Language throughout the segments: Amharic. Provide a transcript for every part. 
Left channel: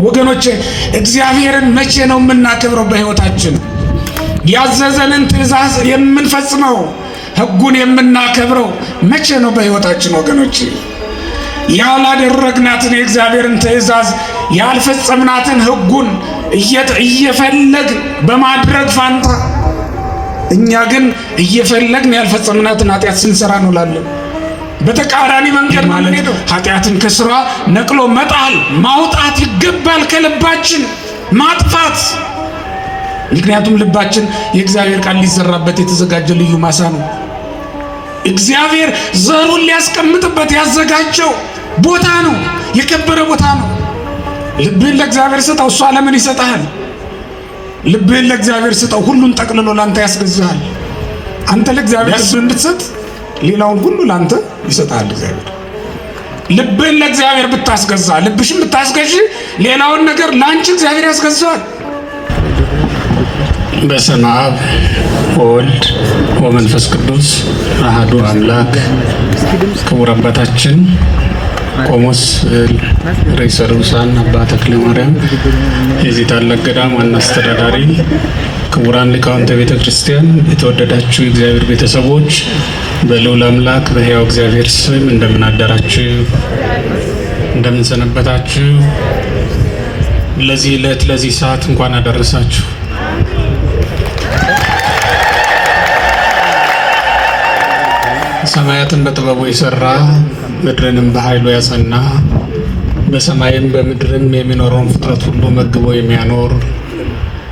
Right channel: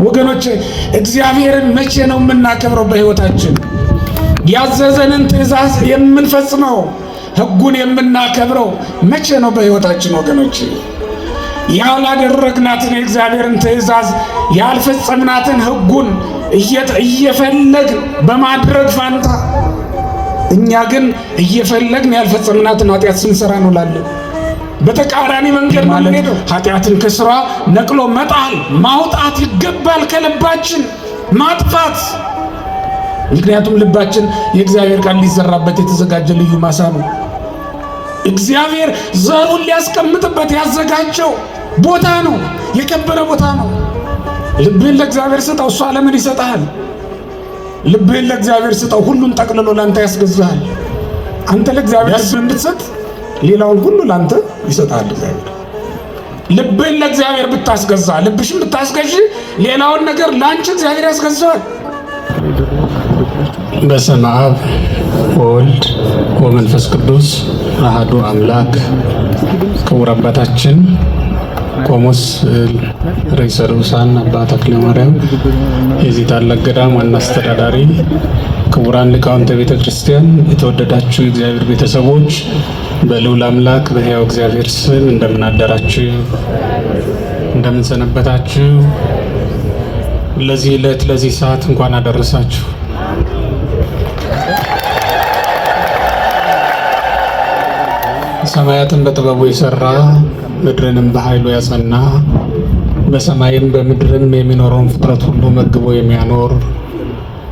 ወገኖቼ እግዚአብሔርን መቼ ነው የምናከብረው? በሕይወታችን ያዘዘንን ትእዛዝ የምንፈጽመው ሕጉን የምናከብረው መቼ ነው በሕይወታችን? ወገኖቼ ያላደረግናትን የእግዚአብሔርን ትእዛዝ ያልፈጸምናትን ሕጉን እየፈለግ በማድረግ ፋንታ እኛ ግን እየፈለግን ያልፈጸምናትን ኃጢአት ስንሰራ እንውላለን። በተቃራኒ መንገድ ማለት ነው። ኃጢአትን ከስራ ነቅሎ መጣል ማውጣት ይገባል፣ ከልባችን ማጥፋት። ምክንያቱም ልባችን የእግዚአብሔር ቃል ሊዘራበት የተዘጋጀ ልዩ ማሳ ነው። እግዚአብሔር ዘሩን ሊያስቀምጥበት ያዘጋጀው ቦታ ነው፣ የከበረ ቦታ ነው። ልብህን ለእግዚአብሔር ስጠው፣ እሱ ዓለምን ይሰጥሃል። ልብህን ለእግዚአብሔር ስጠው፣ ሁሉን ጠቅልሎ ላንተ ያስገዛሃል። አንተ ለእግዚአብሔር እንድትሰጥ ሌላውን ሁሉ ላንተ ይሰጣል እግዚአብሔር። ልብህን ለእግዚአብሔር ብታስገዛ፣ ልብሽን ብታስገዢ ሌላውን ነገር ላንቺ እግዚአብሔር ያስገዛዋል። በስመ አብ ወወልድ ወመንፈስ ቅዱስ አሐዱ አምላክ። ክቡር አባታችን ቆሞስ ርዕሰ ልኡሳን አባ ተክለ ማርያም የዚህ ታላቅ ገዳም ዋና አስተዳዳሪ፣ ክቡራን ሊቃውንተ ቤተ ክርስቲያን፣ የተወደዳችሁ የእግዚአብሔር ቤተሰቦች በልዑል አምላክ በሕያው እግዚአብሔር ስም እንደምን አደራችሁ? እንደምን ሰነበታችሁ? ለዚህ ዕለት ለዚህ ሰዓት እንኳን አደረሳችሁ። ሰማያትን በጥበቡ የሰራ ምድርንም በኃይሉ ያጸና በሰማይም በምድርም የሚኖረውን ፍጥረት ሁሉ መግቦ የሚያኖር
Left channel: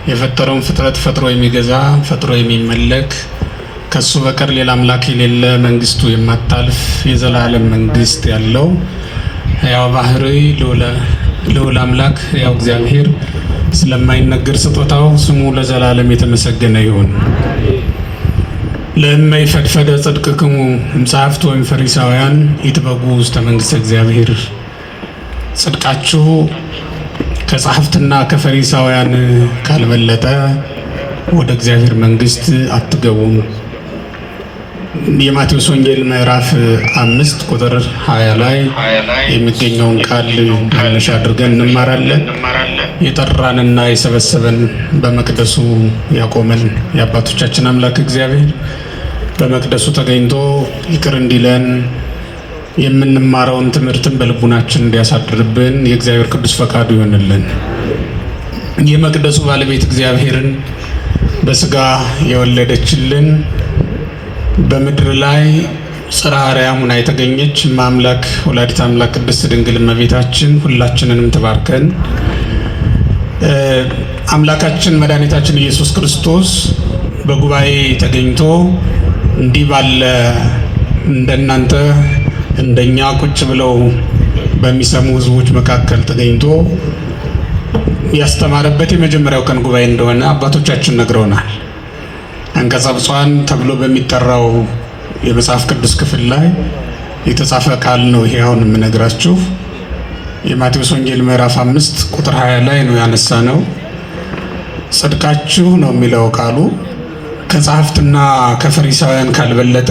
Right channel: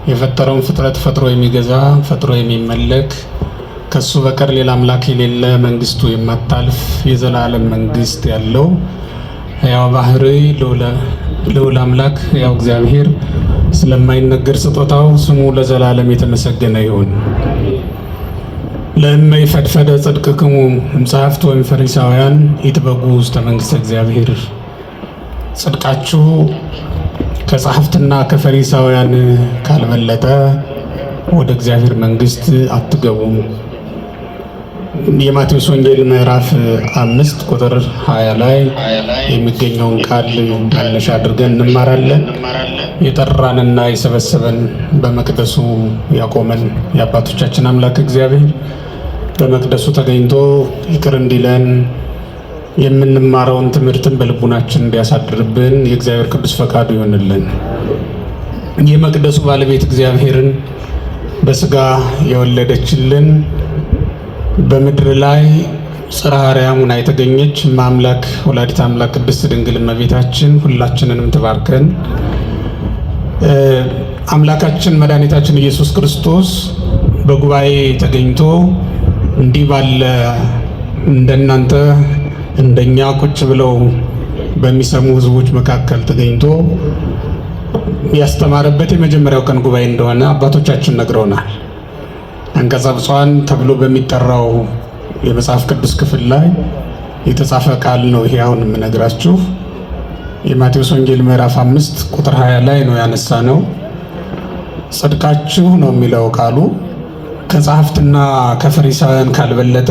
የፈጠረውን ፍጥረት ፈጥሮ የሚገዛ ፈጥሮ የሚመለክ ከሱ በቀር ሌላ አምላክ የሌለ መንግስቱ የማታልፍ የዘላለም መንግስት ያለው ሕያው ባህሪ ልዑል አምላክ ሕያው እግዚአብሔር ስለማይነገር ስጦታው ስሙ ለዘላለም የተመሰገነ ይሁን። ለእመ ይፈድፈደ ጽድቅክሙ እምጸሐፍት ወይም ፈሪሳውያን ይትበጉ ውስተ መንግሥተ እግዚአብሔር። ጽድቃችሁ ከጸሐፍትና ከፈሪሳውያን ካልበለጠ ወደ እግዚአብሔር መንግሥት አትገቡም። የማቴዎስ ወንጌል ምዕራፍ 5 ቁጥር 20 ላይ የሚገኘውን ቃል መነሻ አድርገን እንማራለን። የጠራንና የሰበሰበን በመቅደሱ ያቆመን የአባቶቻችን አምላክ እግዚአብሔር በመቅደሱ ተገኝቶ ይቅር እንዲለን የምንማረውን ትምህርትን በልቡናችን እንዲያሳድርብን የእግዚአብሔር ቅዱስ ፈቃዱ ይሆንልን። የመቅደሱ ባለቤት እግዚአብሔርን በስጋ የወለደችልን በምድር ላይ ጽርሐ አርያም ሆና የተገኘች ማምላክ ወላዲተ አምላክ ቅድስት ድንግል እመቤታችን ሁላችንንም ትባርከን። አምላካችን መድኃኒታችን ኢየሱስ ክርስቶስ በጉባኤ ተገኝቶ እንዲህ ባለ እንደናንተ እንደኛ ቁጭ ብለው በሚሰሙ ሕዝቦች መካከል ተገኝቶ ያስተማረበት የመጀመሪያው ቀን ጉባኤ እንደሆነ አባቶቻችን ነግረውናል። አንቀጸ ብፁዓን ተብሎ በሚጠራው የመጽሐፍ ቅዱስ ክፍል ላይ የተጻፈ ቃል ነው። ይሄ አሁን የምነግራችሁ የማቴዎስ ወንጌል ምዕራፍ 5 ቁጥር 20 ላይ ነው ያነሳ ነው። ጽድቃችሁ ነው የሚለው ቃሉ ከጸሐፍትና ከፈሪሳውያን ካልበለጠ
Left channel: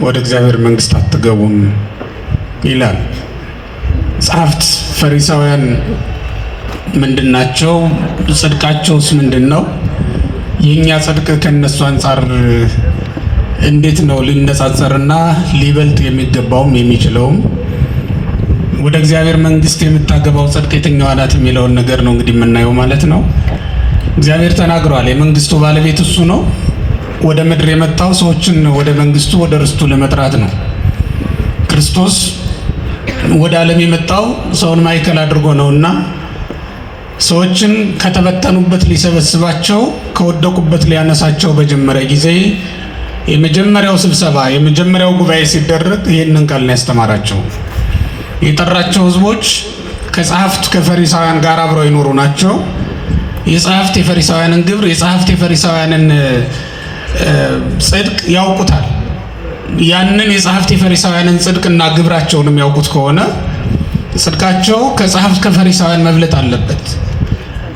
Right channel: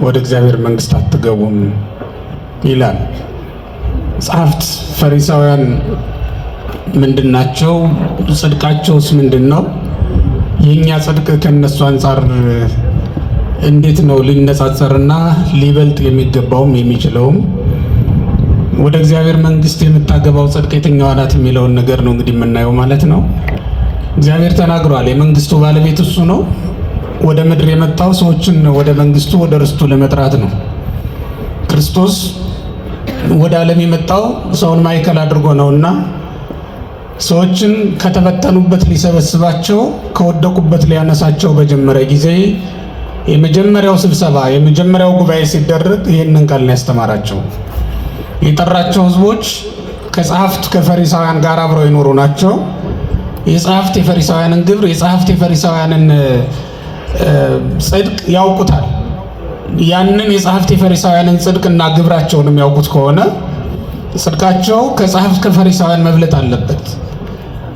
ወደ እግዚአብሔር መንግሥት አትገቡም ይላል። ጸሐፍት ፈሪሳውያን ምንድናቸው? ጽድቃቸውስ ምንድን ነው? የኛ ጽድቅ ከነሱ አንጻር እንዴት ነው ሊነጻጸርና ሊበልጥ የሚገባውም የሚችለውም? ወደ እግዚአብሔር መንግሥት የምታገባው ጽድቅ የትኛዋ ናት የሚለውን ነገር ነው እንግዲህ የምናየው ማለት ነው። እግዚአብሔር ተናግሯል። የመንግስቱ ባለቤት እሱ ነው። ወደ ምድር የመጣው ሰዎችን ወደ መንግስቱ ወደ ርስቱ ለመጥራት ነው። ክርስቶስ ወደ ዓለም የመጣው ሰውን ማዕከል አድርጎ ነውና ሰዎችን ከተበተኑበት ሊሰበስባቸው ከወደቁበት ሊያነሳቸው በጀመረ ጊዜ የመጀመሪያው ስብሰባ የመጀመሪያው ጉባኤ ሲደረግ ይህንን ቃል ነው ያስተማራቸው። የጠራቸው ህዝቦች ከጸሐፍት ከፈሪሳውያን ጋር አብረው ይኖሩ ናቸው። የጸሐፍት የፈሪሳውያንን ግብር የጸሐፍት የፈሪሳውያንን ጽድቅ ያውቁታል። ያንን የጸሐፍት የፈሪሳውያንን ጽድቅና ግብራቸውን የሚያውቁት ከሆነ ጽድቃቸው ከጸሐፍት ከፈሪሳውያን መብለጥ አለበት።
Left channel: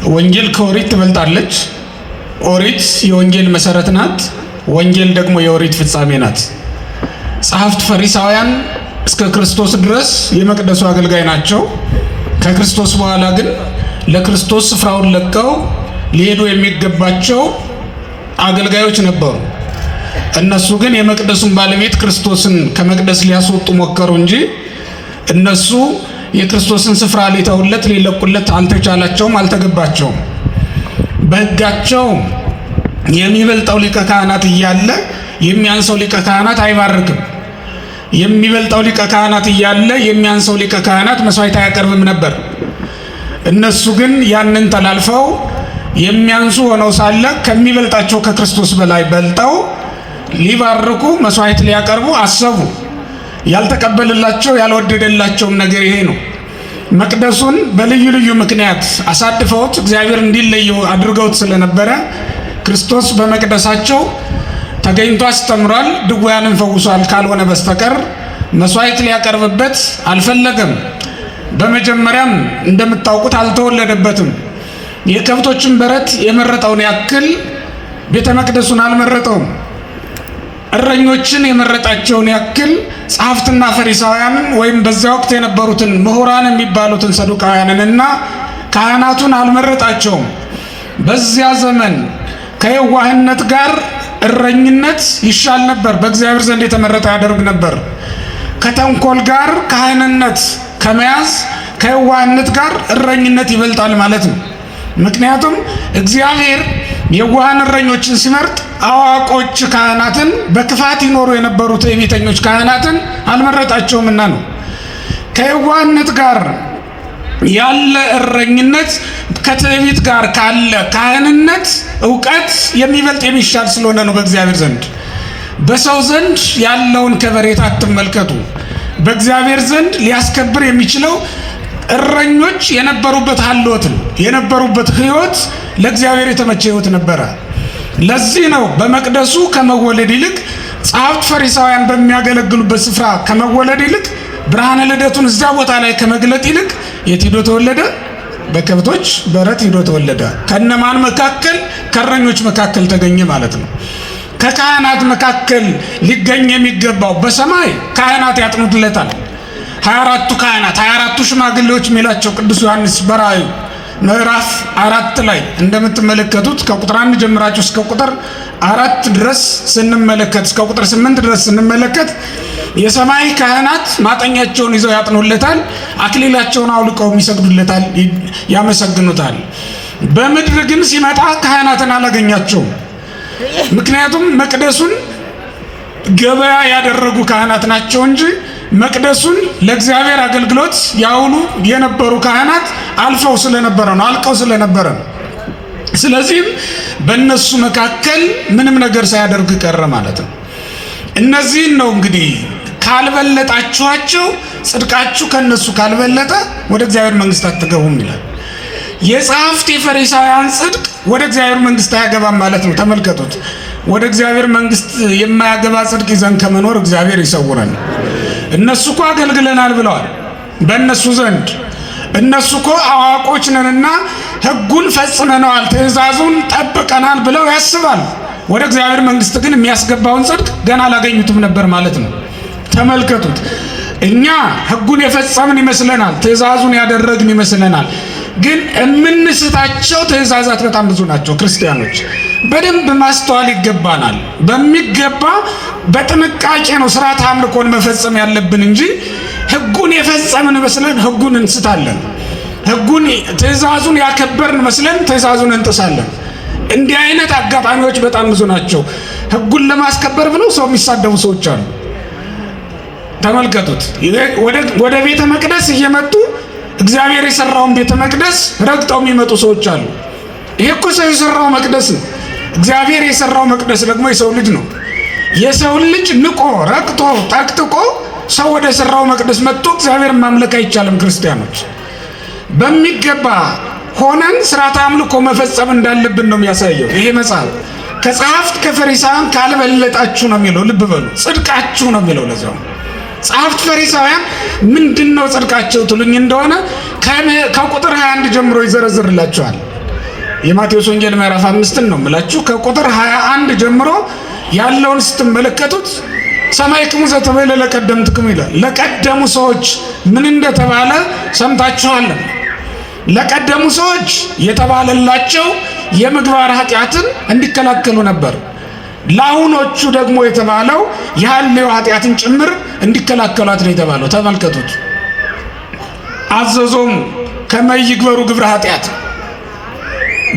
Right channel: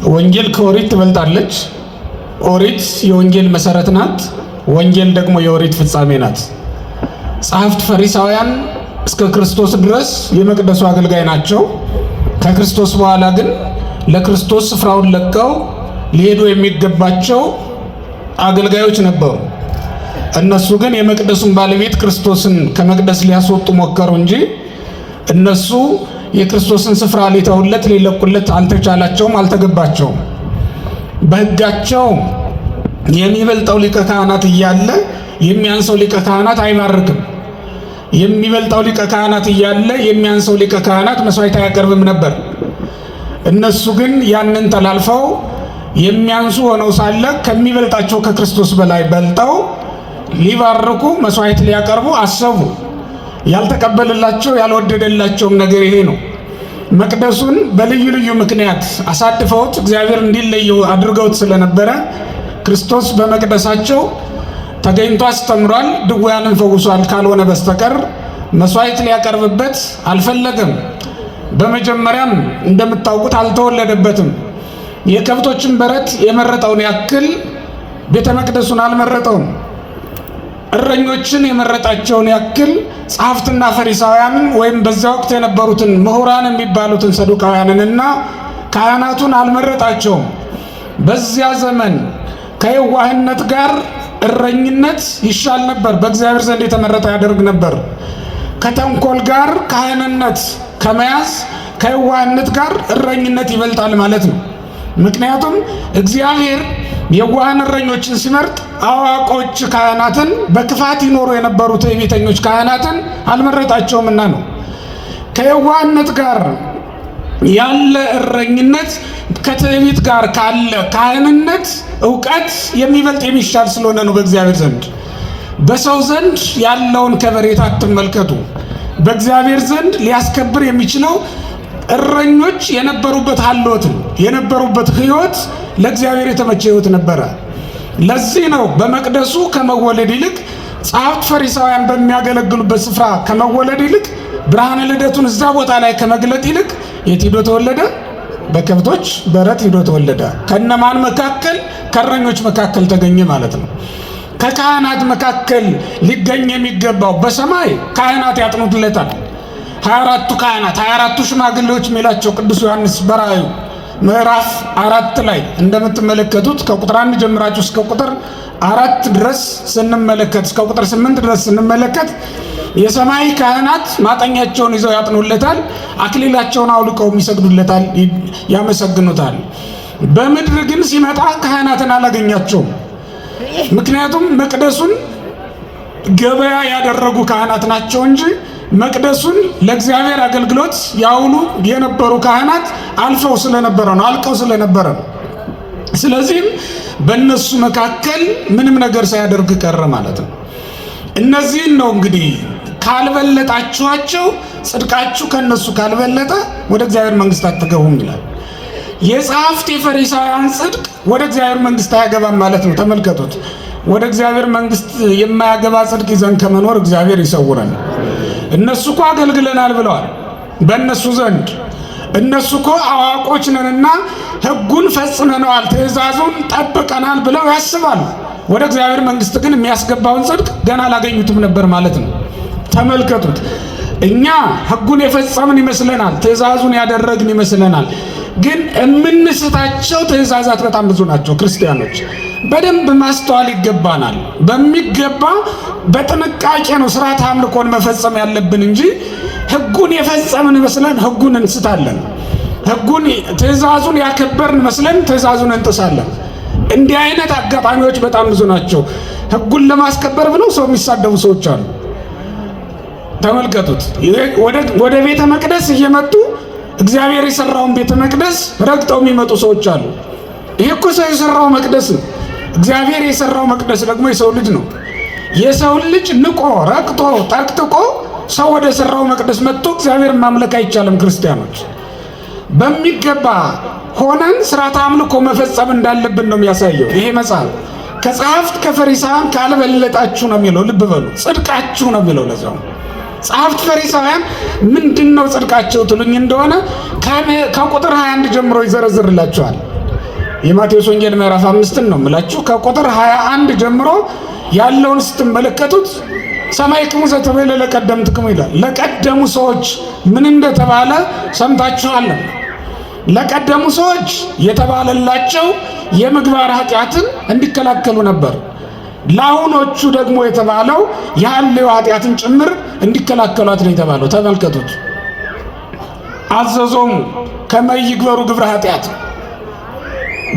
ወንጌል ከኦሪት ትበልጣለች። ኦሪት የወንጌል መሰረት ናት። ወንጌል ደግሞ የኦሪት ፍጻሜ ናት። ጸሐፍት ፈሪሳውያን እስከ ክርስቶስ ድረስ የመቅደሱ አገልጋይ ናቸው። ከክርስቶስ በኋላ ግን ለክርስቶስ ስፍራውን ለቀው ሊሄዱ የሚገባቸው አገልጋዮች ነበሩ። እነሱ ግን የመቅደሱን ባለቤት ክርስቶስን ከመቅደስ ሊያስወጡ ሞከሩ እንጂ እነሱ የክርስቶስን ስፍራ ሊተውለት ሊለቁለት አልተቻላቸውም፣ አልተገባቸውም። በሕጋቸው የሚበልጠው ሊቀ ካህናት እያለ የሚያንሰው ሊቀ ካህናት አይማርክም። የሚበልጠው ሊቀ ካህናት እያለ የሚያንሰው ሊቀ ካህናት መስዋዕት አያቀርብም ነበር። እነሱ ግን ያንን ተላልፈው የሚያንሱ ሆነው ሳለ ከሚበልጣቸው ከክርስቶስ በላይ በልጠው ሊባርኩ መስዋዕት ሊያቀርቡ አሰቡ። ያልተቀበልላቸው ያልወደደላቸውም ነገር ይሄ ነው። መቅደሱን በልዩ ልዩ ምክንያት አሳድፈውት እግዚአብሔር እንዲለየው አድርገውት ስለነበረ ክርስቶስ በመቅደሳቸው ተገኝቶ አስተምሯል፣ ድውያንን ፈውሷል ካልሆነ በስተቀር መስዋዕት ሊያቀርብበት አልፈለገም። በመጀመሪያም እንደምታውቁት አልተወለደበትም። የከብቶችን በረት የመረጠውን ያክል ቤተ መቅደሱን አልመረጠውም። እረኞችን የመረጣቸውን ያክል ጸሐፍትና ፈሪሳውያንን ወይም በዛ ወቅት የነበሩትን ምሁራን የሚባሉትን ሰዱቃውያንንና ካህናቱን አልመረጣቸውም። በዚያ ዘመን ከየዋህነት ጋር እረኝነት ይሻል ነበር፣ በእግዚአብሔር ዘንድ የተመረጠ ያደርግ ነበር። ከተንኮል ጋር ካህንነት ከመያዝ ከየዋህነት ጋር እረኝነት ይበልጣል ማለት ነው። ምክንያቱም እግዚአብሔር የዋሃን እረኞችን ሲመርጥ አዋቆች ካህናትን በክፋት ይኖሩ የነበሩት የቤተኞች ካህናትን አልመረጣቸውምና ነው። ከየዋህነት ጋር ያለ እረኝነት ከትዕቢት ጋር ካለ ካህንነት እውቀት የሚበልጥ የሚሻል ስለሆነ ነው በእግዚአብሔር ዘንድ። በሰው ዘንድ ያለውን ከበሬታ አትመልከቱ። በእግዚአብሔር ዘንድ ሊያስከብር የሚችለው እረኞች የነበሩበት ሀልዎትን የነበሩበት ሕይወት ለእግዚአብሔር የተመቸ ሕይወት ነበረ። ለዚህ ነው በመቅደሱ ከመወለድ ይልቅ ጸሐፍት ፈሪሳውያን በሚያገለግሉበት ስፍራ ከመወለድ ይልቅ ብርሃነ ልደቱን እዛ ቦታ ላይ ከመግለጥ ይልቅ የት ሂዶ ተወለደ? በከብቶች በረት ሂዶ ተወለደ። ከነማን መካከል? ከእረኞች መካከል ተገኘ ማለት ነው። ከካህናት መካከል ሊገኝ የሚገባው በሰማይ ካህናት ያጥኑለታል። 24ቱ ካህናት 24ቱ ሽማግሌዎች የሚላቸው ቅዱስ ዮሐንስ በራእዩ ምዕራፍ 4 ላይ እንደምትመለከቱት ከቁጥር 1 ጀምራችሁ እስከ ቁጥር 4 ድረስ ስንመለከት እስከ ቁጥር 8 ድረስ ስንመለከት የሰማይ ካህናት ማጠኛቸውን ይዘው ያጥኑለታል፣ አክሊላቸውን አውልቀው ይሰግዱለታል፣ ያመሰግኑታል። በምድር ግን ሲመጣ ካህናትን አላገኛቸውም። ምክንያቱም መቅደሱን ገበያ ያደረጉ ካህናት ናቸው እንጂ መቅደሱን ለእግዚአብሔር አገልግሎት ያውሉ የነበሩ ካህናት አልፈው ስለነበረ ነው፣ አልቀው ስለነበረ ነው። ስለዚህም በእነሱ መካከል ምንም ነገር ሳያደርግ ቀረ ማለት ነው። እነዚህን ነው እንግዲህ ካልበለጣችኋቸው፣ ጽድቃችሁ ከነሱ ካልበለጠ ወደ እግዚአብሔር መንግስት አትገቡም ይላል። የጸሐፍት የፈሪሳውያን ጽድቅ ወደ እግዚአብሔር መንግስት አያገባም ማለት ነው። ተመልከቱት። ወደ እግዚአብሔር መንግስት የማያገባ ጽድቅ ይዘን ከመኖር እግዚአብሔር ይሰውረን። እነሱ እኮ አገልግለናል ብለዋል። በእነሱ ዘንድ እነሱ እኮ አዋቆች ነንና ሕጉን ፈጽመነዋል፣ ትእዛዙን ጠብቀናል ብለው ያስባሉ። ወደ እግዚአብሔር መንግስት ግን የሚያስገባውን ጽድቅ ገና አላገኙትም ነበር ማለት ነው። ተመልከቱት። እኛ ሕጉን የፈጸምን ይመስለናል፣ ትእዛዙን ያደረግን ይመስለናል። ግን የምንስታቸው ትእዛዛት በጣም ብዙ ናቸው። ክርስቲያኖች በደንብ ማስተዋል ይገባናል። በሚገባ በጥንቃቄ ነው ስርዓተ አምልኮን መፈጸም ያለብን እንጂ ሕጉን የፈጸምን መስለን ሕጉን እንስታለን። ሕጉን ትእዛዙን ያከበርን መስለን ትእዛዙን እንጥሳለን። እንዲህ አይነት አጋጣሚዎች በጣም ብዙ ናቸው። ሕጉን ለማስከበር ብለው ሰው የሚሳደቡ ሰዎች አሉ። ተመልከቱት። ወደ ቤተ መቅደስ እየመጡ እግዚአብሔር የሰራውን ቤተ መቅደስ ረግጠው የሚመጡ ሰዎች አሉ። ይሄ እኮ ሰው የሰራው መቅደስ ነው። እግዚአብሔር የሰራው መቅደስ ደግሞ የሰው ልጅ ነው። የሰው ልጅ ንቆ ረግጦ ጠቅጥቆ ሰው ወደ ሰራው መቅደስ መጥቶ እግዚአብሔር ማምለክ አይቻልም። ክርስቲያኖች በሚገባ ሆነን ስርዓተ አምልኮ መፈጸም እንዳለብን ነው የሚያሳየው ይሄ መጽሐፍ። ከጸሐፍት ከፈሪሳውያን ካልበለጣችሁ ነው የሚለው። ልብ በሉ፣ ጽድቃችሁ ነው የሚለው። ለዛው ጸሐፍት ፈሪሳውያን ምንድነው ጽድቃቸው ትሉኝ እንደሆነ ከቁጥር 21 ጀምሮ ይዘረዝርላችኋል። የማቴዎስ ወንጌል ምዕራፍ 5 ነው የምላችሁ። ከቁጥር 21 ጀምሮ ያለውን ስትመለከቱት ሰማዕክሙ ዘተቤለ ለቀደምትክሙ ይላል። ለቀደሙ ሰዎች ምን እንደተባለ ሰምታችኋል። ለቀደሙ ሰዎች የተባለላቸው የምግባር ኃጢአትን እንዲከላከሉ ነበር። ለአሁኖቹ ደግሞ የተባለው የሐልዮ ኃጢአትን ጭምር እንዲከላከሏት ነው የተባለው። ተመልከቱት። አዘዞሙ ከመ ይግበሩ ግብረ ኃጢአት፣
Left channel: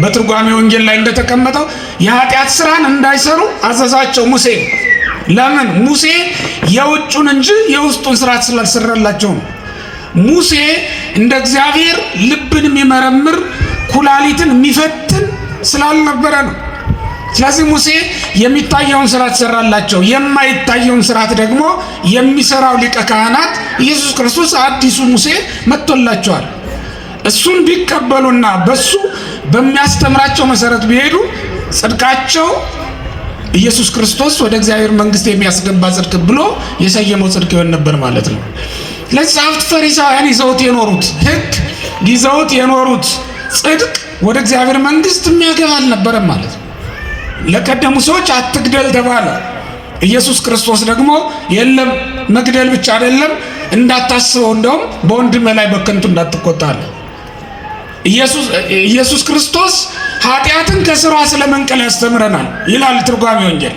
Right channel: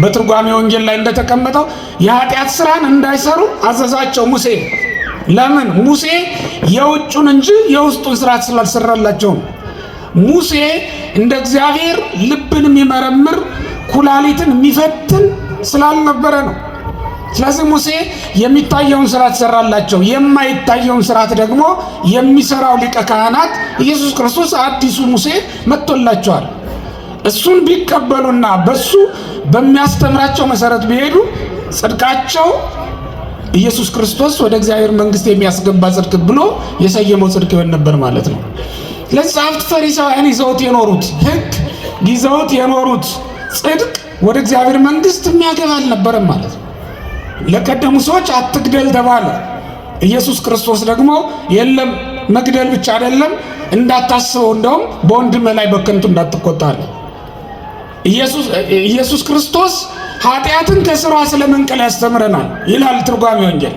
በትርጓሜ ወንጌል ላይ እንደተቀመጠው የኃጢአት ስራን እንዳይሰሩ አዘዛቸው ሙሴ። ለምን? ሙሴ የውጩን እንጂ የውስጡን ስራ ስላልሰራላቸው ነው። ሙሴ እንደ እግዚአብሔር ልብን የሚመረምር ኩላሊትን የሚፈትን ስላልነበረ ነው። ስለዚህ ሙሴ የሚታየውን ስርዓት ሰራላቸው። የማይታየውን ስርዓት ደግሞ የሚሰራው ሊቀ ካህናት ኢየሱስ ክርስቶስ አዲሱ ሙሴ መጥቶላቸዋል። እሱን ቢቀበሉና በሱ በሚያስተምራቸው መሰረት ቢሄዱ ጽድቃቸው ኢየሱስ ክርስቶስ ወደ እግዚአብሔር መንግስት የሚያስገባ ጽድቅ ብሎ የሰየመው ጽድቅ ይሆን ነበር ማለት ነው። ለጸሐፍት ፈሪሳውያን ይዘውት የኖሩት ሕግ ይዘውት የኖሩት ጽድቅ ወደ እግዚአብሔር መንግስት የሚያገባ አልነበረም ማለት ነው። ለቀደሙ ሰዎች አትግደል ተባለ። ኢየሱስ ክርስቶስ ደግሞ የለም መግደል ብቻ አይደለም እንዳታስበው፣ እንደውም በወንድም ላይ በከንቱ እንዳትቆጣለ። ኢየሱስ ክርስቶስ ኃጢአትን ከስሯ ስለመንቀል ያስተምረናል ይላል ትርጓሜ ወንጌል።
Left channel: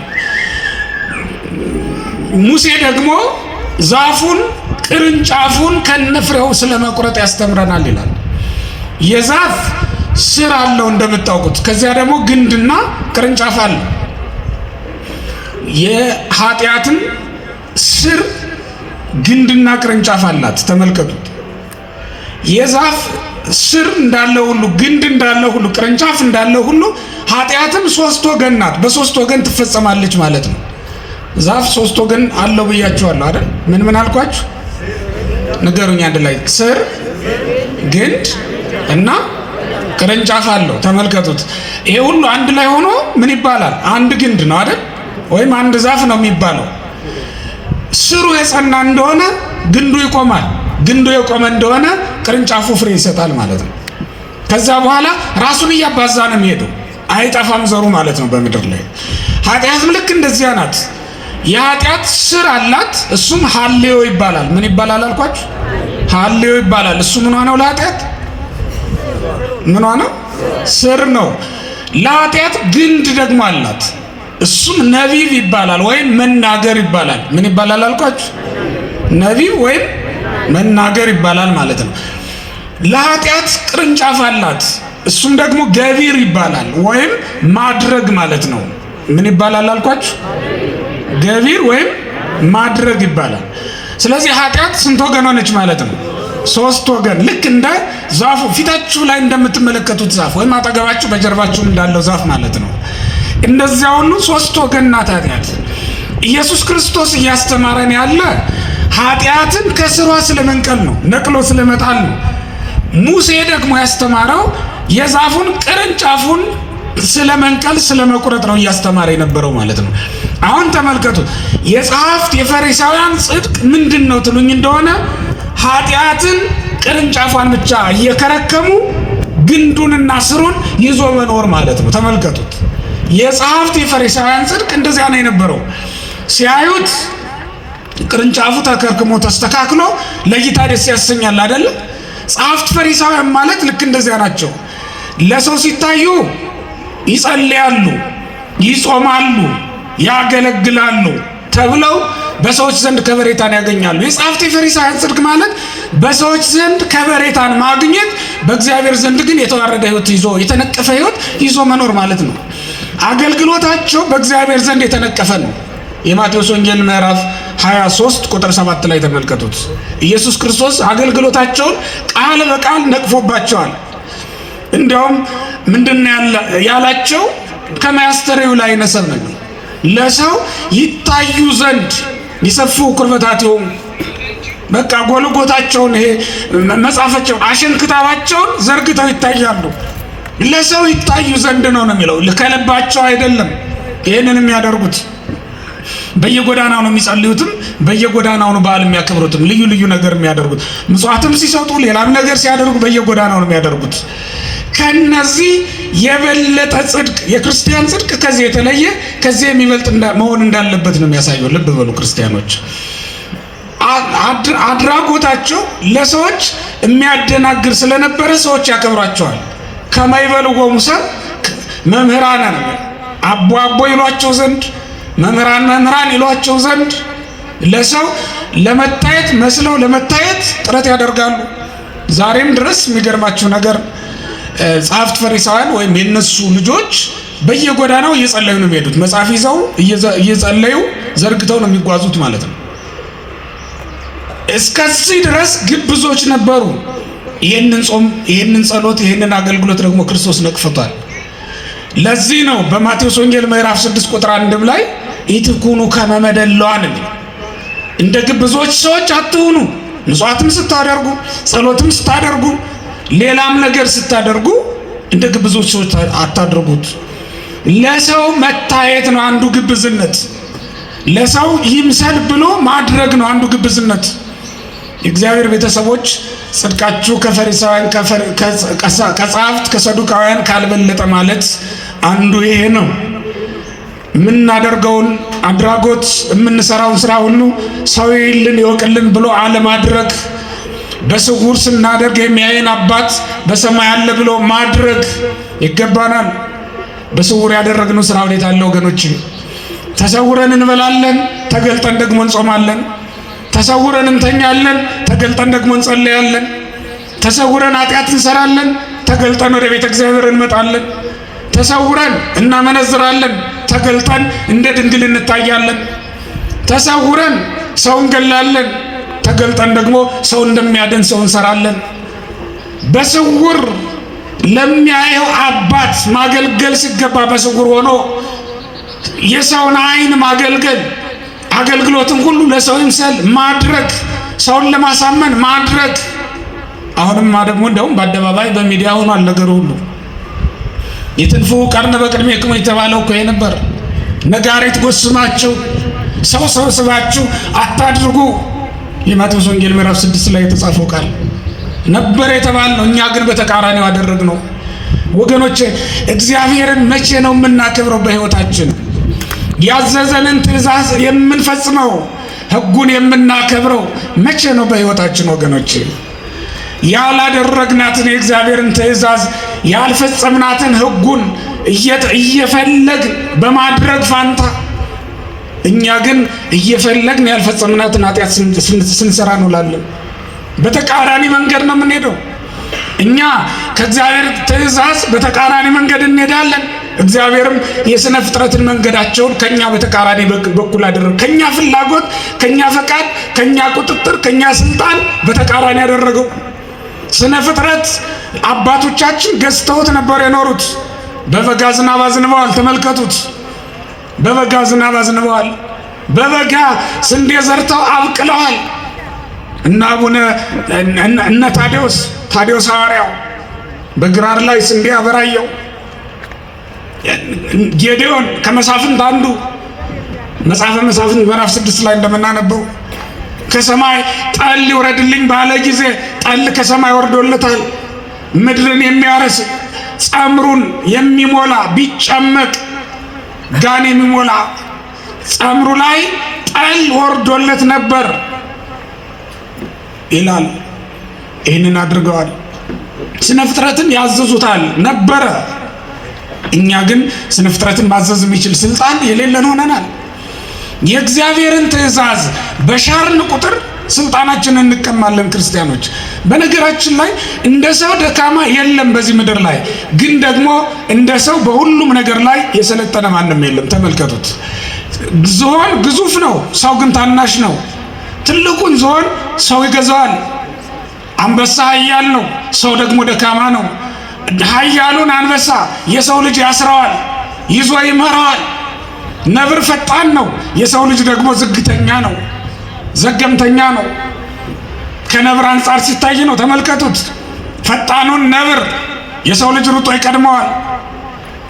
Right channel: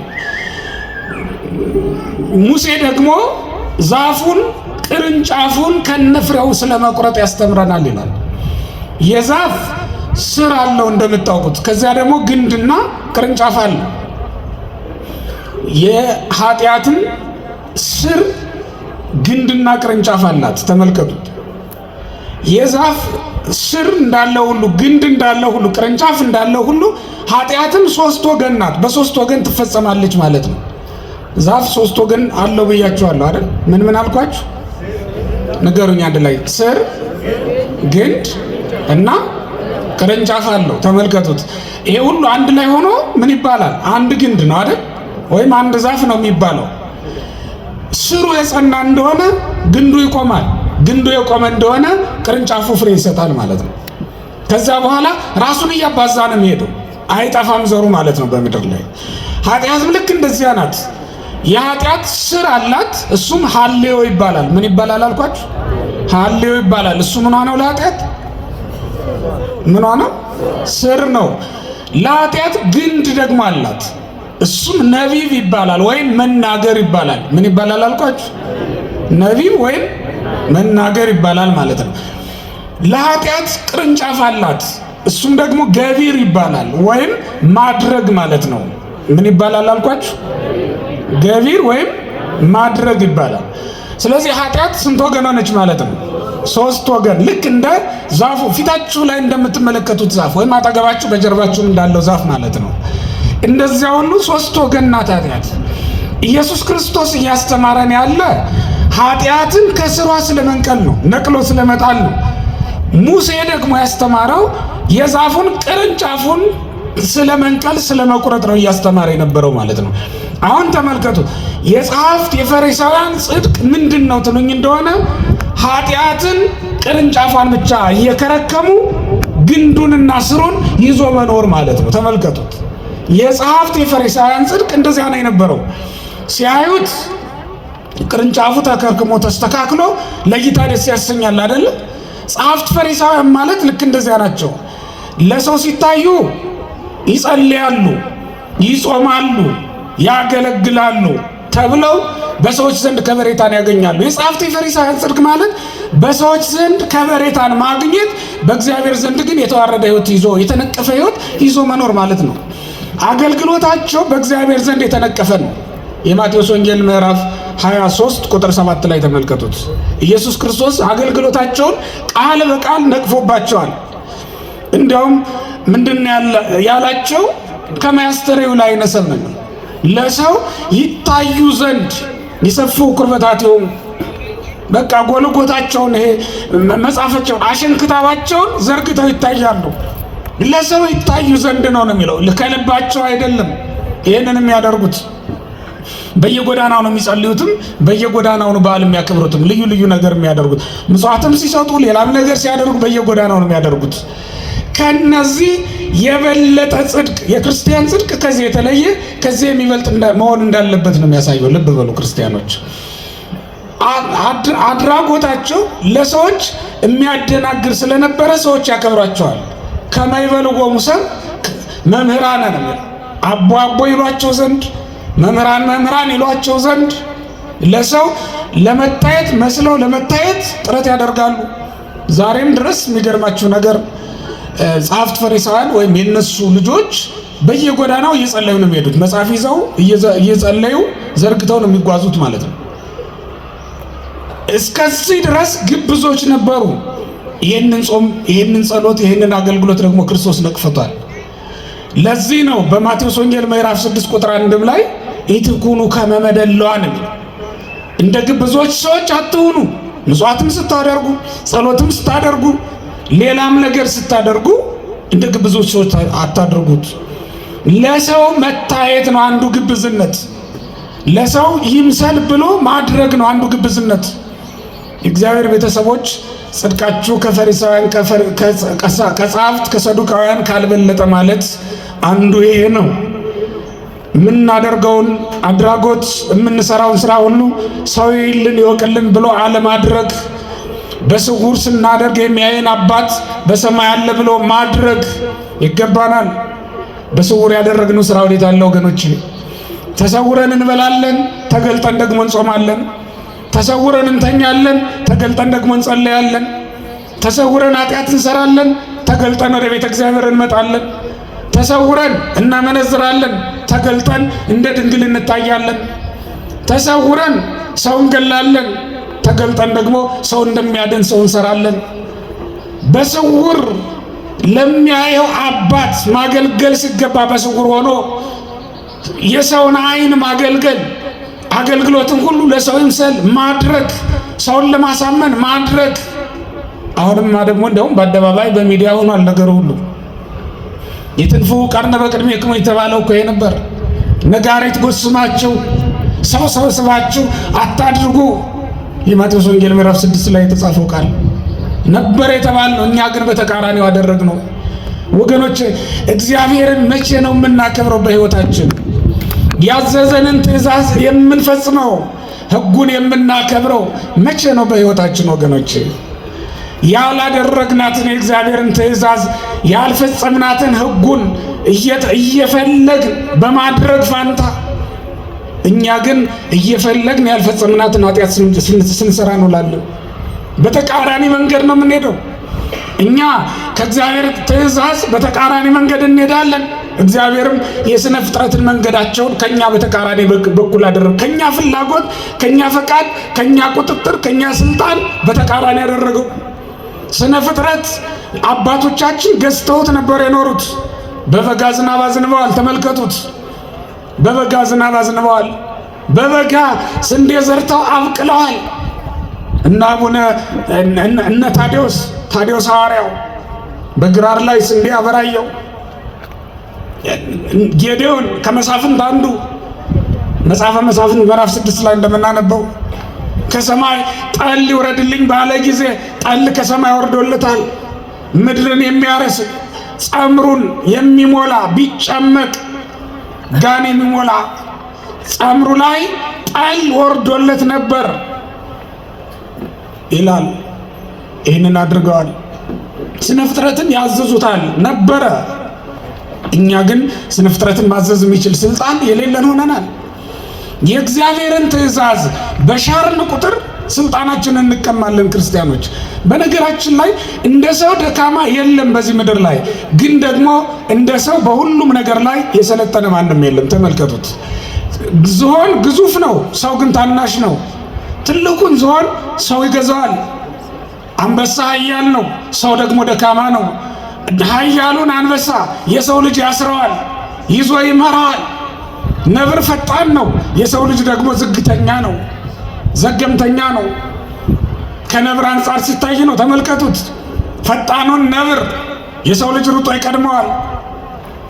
ሙሴ ደግሞ ዛፉን ቅርንጫፉን ከነፍሬው ስለመቁረጥ ያስተምረናል ይላል። የዛፍ ስር አለው እንደምታውቁት፣ ከዚያ ደግሞ ግንድና ቅርንጫፍ አለ። የኃጢአትን ስር ግንድና ቅርንጫፍ አላት። ተመልከቱት። የዛፍ ስር እንዳለው ሁሉ ግንድ እንዳለው ሁሉ ቅርንጫፍ እንዳለው ሁሉ ኃጢአትም ሶስት ወገን ናት። በሶስት ወገን ትፈጸማለች ማለት ነው። ዛፍ ሶስት ወገን አለው ብያችኋለሁ አይደል? ምን አልኳችሁ? ንገሩኝ አንድ ላይ። ስር፣ ግንድ እና ቅርንጫፍ አለው። ተመልከቱት። ይሄ ሁሉ አንድ ላይ ሆኖ ምን ይባላል? አንድ ግንድ ነው አይደል? ወይም አንድ ዛፍ ነው የሚባለው። ስሩ የጸና እንደሆነ ግንዱ ይቆማል። ግንዱ የቆመ እንደሆነ ቅርንጫፉ ፍሬ ይሰጣል ማለት ነው። ከዛ በኋላ ራሱን እያባዛ ነው የሚሄደው፣ አይጠፋም ዘሩ ማለት ነው በምድር ላይ። ኃጢአትም ልክ እንደዚያ ናት። የኃጢአት ስር አላት፣ እሱም ሐልዮ ይባላል። ምን ይባላል አልኳችሁ? ሐልዮ ይባላል። እሱ ምን ሆነው ለኃጢአት ምን ሆነው? ስር ነው። ለኃጢአት ግንድ ደግሞ አላት፣ እሱም ነቢብ ይባላል ወይም መናገር ይባላል። ምን ይባላል አልኳችሁ? ነቢብ ወይም መናገር ይባላል ማለት ነው። ለኃጢአት ቅርንጫፍ አላት፣ እሱም ደግሞ ገቢር ይባላል ወይም ማድረግ ማለት ነው። ምን ይባላል አልኳችሁ? ገቢር ወይም ማድረግ ይባላል። ስለዚህ ኃጢአት ስንት ወገን ሆነች ማለት ነው? ሶስት ወገን። ልክ እንደ ዛፉ ፊታችሁ ላይ እንደምትመለከቱት ዛፍ ወይም አጠገባችሁ በጀርባችሁም እንዳለው ዛፍ ማለት ነው። እንደዚያ ሁሉ ሶስት ወገን ናት ኃጢአት። ኢየሱስ ክርስቶስ እያስተማረን ያለ ኃጢአትን ከስሯ ስለመንቀል ነው፣ ነቅሎ ስለመጣል ነው። ሙሴ ደግሞ ያስተማረው የዛፉን ቅርንጫፉን ስለመንቀል ስለመቁረጥ ነው እያስተማረ የነበረው ማለት ነው። አሁን ተመልከቱ። የጸሐፍት የፈሪሳውያን ጽድቅ ምንድን ነው ትሉኝ እንደሆነ ኃጢአትን ቅርንጫፏን ብቻ እየከረከሙ ግንዱንና ስሩን ይዞ መኖር ማለት ነው። ተመልከቱት። የጸሐፍት የፈሪሳውያን ጽድቅ እንደዚያ ነው የነበረው። ሲያዩት ቅርንጫፉ ተከርክሞ ተስተካክሎ ለጌታ ደስ ያሰኛል አይደል? ጸሐፍት ፈሪሳውያን ማለት ልክ እንደዚያ ናቸው። ለሰው ሲታዩ ይጸልያሉ፣ ይጾማሉ፣ ያገለግላሉ ተብለው በሰዎች ዘንድ ከበሬታን ያገኛሉ። የጸሐፍት የፈሪሳውያን ጽድቅ ማለት በሰዎች ዘንድ ከበሬታን ማግኘት፣ በእግዚአብሔር ዘንድ ግን የተዋረደ ሕይወት ይዞ የተነቀፈ ሕይወት ይዞ መኖር ማለት ነው። አገልግሎታቸው በእግዚአብሔር ዘንድ የተነቀፈ ነው። የማቴዎስ ወንጌል ምዕራፍ 23 ቁጥር 7 ላይ ተመልከቱት። ኢየሱስ ክርስቶስ አገልግሎታቸውን ቃል በቃል ነቅፎባቸዋል። እንዲያውም ምንድን ያላቸው? ከማያስተርእዩ ላይ ነሰምን ለሰው ይታዩ ዘንድ ይሰፉ ቁርበታቸውን፣ በቃ ጎልጎታቸውን ይሄ መጻፋቸውን አሸንክታባቸውን ዘርግተው ይታያሉ። ለሰው ይታዩ ዘንድ ነው የሚለው፣ ከልባቸው አይደለም። ይህንን የሚያደርጉት በየጎዳናው ነው የሚጸልዩትም፣ በየጎዳናው ነው በዓል የሚያከብሩትም፣ ልዩ ልዩ ነገር የሚያደርጉት፣ ምጽዋትም ሲሰጡ ሌላም ነገር ሲያደርጉ በየጎዳናው ነው የሚያደርጉት። ከነዚህ የበለጠ ጽድቅ የክርስቲያን ጽድቅ ከዚህ የተለየ ከዚህ የሚበልጥ መሆን እንዳለበት ነው የሚያሳየው። ልብ በሉ ክርስቲያኖች፣ አድራጎታቸው ለሰዎች የሚያደናግር ስለነበረ ሰዎች ያከብሯቸዋል። ከማይበልጎሙ ሰብ መምህራን አቦ አቦ ይሏቸው ዘንድ መምህራን መምህራን ይሏቸው ዘንድ ለሰው ለመታየት መስለው ለመታየት ጥረት ያደርጋሉ። ዛሬም ድረስ የሚገርማችሁ ነገር ጸሐፍት ፈሪሳውያን ወይም የነሱ ልጆች በየጎዳናው እየጸለዩ ነው የሚሄዱት። መጽሐፍ ይዘው እየጸለዩ ዘርግተው ነው የሚጓዙት ማለት ነው። እስከዚህ ድረስ ግብዞች ነበሩ። ይህንን ጾም፣ ይህንን ጸሎት፣ ይህንን አገልግሎት ደግሞ ክርስቶስ ነቅፎታል። ለዚህ ነው በማቴዎስ ወንጌል ምዕራፍ 6 ቁጥር 1 ላይ ኢትኩኑ ከመ መደልዋን፣ እንደ ግብዞች ሰዎች አትሁኑ። ምጽዋትም ስታደርጉ፣ ጸሎትም ስታደርጉ፣ ሌላም ነገር ስታደርጉ እንደ ግብዞች ሰዎች አታድርጉት። ለሰው መታየት ነው አንዱ ግብዝነት። ለሰው ይምሰል ብሎ ማድረግ ነው አንዱ ግብዝነት። የእግዚአብሔር ቤተሰቦች ጽድቃችሁ ከፈሪሳውያን ከጸሐፍት ከሰዱቃውያን ካልበለጠ ማለት አንዱ ይሄ ነው። የምናደርገውን አድራጎት የምንሰራውን ስራ ሁሉ ሰው ይልን ይወቅልን ብሎ አለማድረግ፣ በስውር ስናደርግ የሚያየን አባት በሰማይ አለ ብሎ ማድረግ ይገባናል። በስውር ያደረግነው ስራ ወዴት አለ ወገኖች? ተሰውረን እንበላለን፣ ተገልጠን ደግሞ እንጾማለን። ተሰውረን እንተኛለን፣ ተገልጠን ደግሞ እንጸለያለን። ተሰውረን ኃጢአት እንሰራለን፣ ተገልጠን ወደ ቤተ እግዚአብሔር እንመጣለን። ተሰውረን እናመነዝራለን፣ ተገልጠን እንደ ድንግል እንታያለን። ተሰውረን ሰው እንገላለን፣ ተገልጠን ደግሞ ሰው እንደሚያድን ሰው እንሰራለን። በስውር ለሚያየው አባት ማገልገል ሲገባ በስውር ሆኖ የሰውን ዓይን ማገልገል፣ አገልግሎትን ሁሉ ለሰው ይምሰል ማድረግ፣ ሰውን ለማሳመን ማድረግ። አሁንማ ደግሞ እንደውም በአደባባይ በሚዲያ ሆኗል ነገሩ ሁሉ። የትንፉ ቀርነ በቅድሜክሙ የተባለው እኮ ይሄ ነበር። ነጋሪት ጎስማችሁ ሰው ሰብስባችሁ አታድርጉ። የማቴዎስ ወንጌል ምዕራፍ 6 ላይ የተጻፈው ቃል ነበር የተባለው። እኛ ግን በተቃራኒው ያደረግነው። ወገኖቼ እግዚአብሔርን መቼ ነው የምናከብረው? በሕይወታችን ያዘዘንን ትእዛዝ የምንፈጽመው፣ ሕጉን የምናከብረው መቼ ነው በሕይወታችን? ወገኖቼ ያላደረግናትን የእግዚአብሔርን ትእዛዝ ያልፈጸምናትን ሕጉን እየፈለግን በማድረግ ፋንታ እኛ ግን እየፈለግን ያልፈጸምናትን ኃጢአት ስንሰራ እንውላለን። በተቃራኒ መንገድ ነው የምንሄደው። እኛ ከእግዚአብሔር ትእዛዝ በተቃራኒ መንገድ እንሄዳለን። እግዚአብሔርም የሥነ ፍጥረትን መንገዳቸውን ከኛ በተቃራኒ በኩል አደረገ። ከኛ ፍላጎት፣ ከኛ ፈቃድ፣ ከኛ ቁጥጥር፣ ከኛ ስልጣን በተቃራኒ ያደረገው። ስነ ፍጥረት አባቶቻችን ገዝተውት ነበር የኖሩት። በበጋ ዝናብ አዝንበዋል። ተመልከቱት። በበጋ ዝናብ አዝንበዋል። በበጋ ስንዴ ዘርተው አብቅለዋል። እና አቡነ እነ ታዲዮስ ሐዋርያው በግራር ላይ ስንዴ አበራየው። ጌዴዎን ከመሳፍንት አንዱ መጽሐፈ መሳፍንት ምዕራፍ 6 ላይ እንደምናነበው ከሰማይ ጠል ይውረድልኝ ባለ ጊዜ ጠል ከሰማይ ወርዶለታል። ምድርን የሚያረስ ጸምሩን የሚሞላ ቢጨመቅ ጋን የሚሞላ ጸምሩ ላይ ጠል ወርዶለት ነበር ይላል። ይህንን አድርገዋል። ስነ ፍጥረትን ያዘዙታል ነበረ። እኛ ግን ስነ ፍጥረትን ማዘዝ የሚችል ስልጣን የሌለን ሆነናል። የእግዚአብሔርን ትእዛዝ በሻርን ቁጥር ስልጣናችንን እንቀማለን። ክርስቲያኖች፣ በነገራችን ላይ እንደ ሰው ደካማ የለም በዚህ ምድር ላይ። ግን ደግሞ እንደ ሰው በሁሉም ነገር ላይ የሰለጠነ ማንም የለም። ተመልከቱት። ዝሆን ግዙፍ ነው፣ ሰው ግን ታናሽ ነው። ትልቁን ዝሆን ሰው ይገዛዋል። አንበሳ ኃያል ነው፣ ሰው ደግሞ ደካማ ነው። ኃያሉን አንበሳ የሰው ልጅ ያስረዋል፣ ይዞ ይመራዋል። ነብር ፈጣን ነው፣ የሰው ልጅ ደግሞ ዝግተኛ ነው፣ ዘገምተኛ ነው። ከነብር አንጻር ሲታይ ነው። ተመልከቱት። ፈጣኑን ነብር የሰው ልጅ ሩጦ ይቀድመዋል።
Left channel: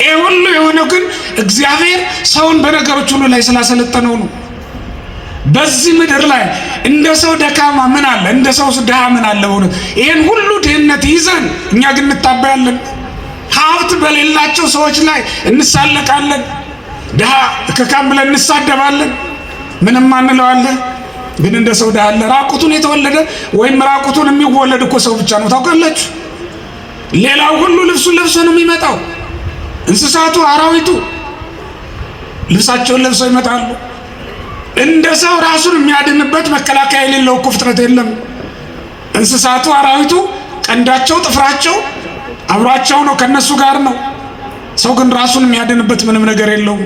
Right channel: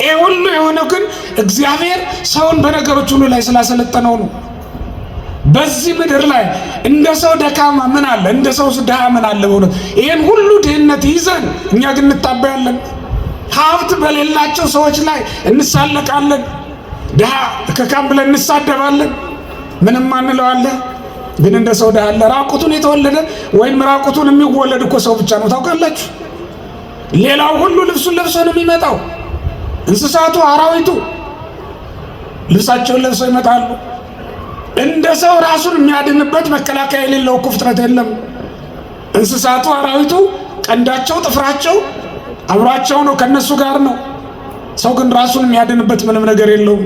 ይህ ሁሉ የሆነው ግን እግዚአብሔር ሰውን በነገሮች ሁሉ ላይ ስላሰለጠነው ነው። በዚህ ምድር ላይ እንደ ሰው ደካማ ምን አለ? እንደ ሰው ድሃ ምን አለ? በእውነት ይህን ሁሉ ድህነት ይዘን እኛ ግን እንታበያለን። ሀብት በሌላቸው ሰዎች ላይ እንሳለቃለን። ድሃ ከካም ብለን እንሳደባለን። ምንም አንለዋለን። ግን እንደ ሰው ያለ ራቁቱን የተወለደ ወይም ራቁቱን የሚወለድ እኮ ሰው ብቻ ነው ታውቃላችሁ። ሌላው ሁሉ ልብሱን ለብሶ ነው የሚመጣው። እንስሳቱ፣ አራዊቱ ልብሳቸውን ለብሰው ይመጣሉ። እንደ ሰው ራሱን የሚያድንበት መከላከያ የሌለው እኮ ፍጥረት የለም። እንስሳቱ፣ አራዊቱ ቀንዳቸው፣ ጥፍራቸው አብሯቸው ነው፣ ከነሱ ጋር ነው። ሰው ግን ራሱን የሚያድንበት ምንም ነገር የለውም።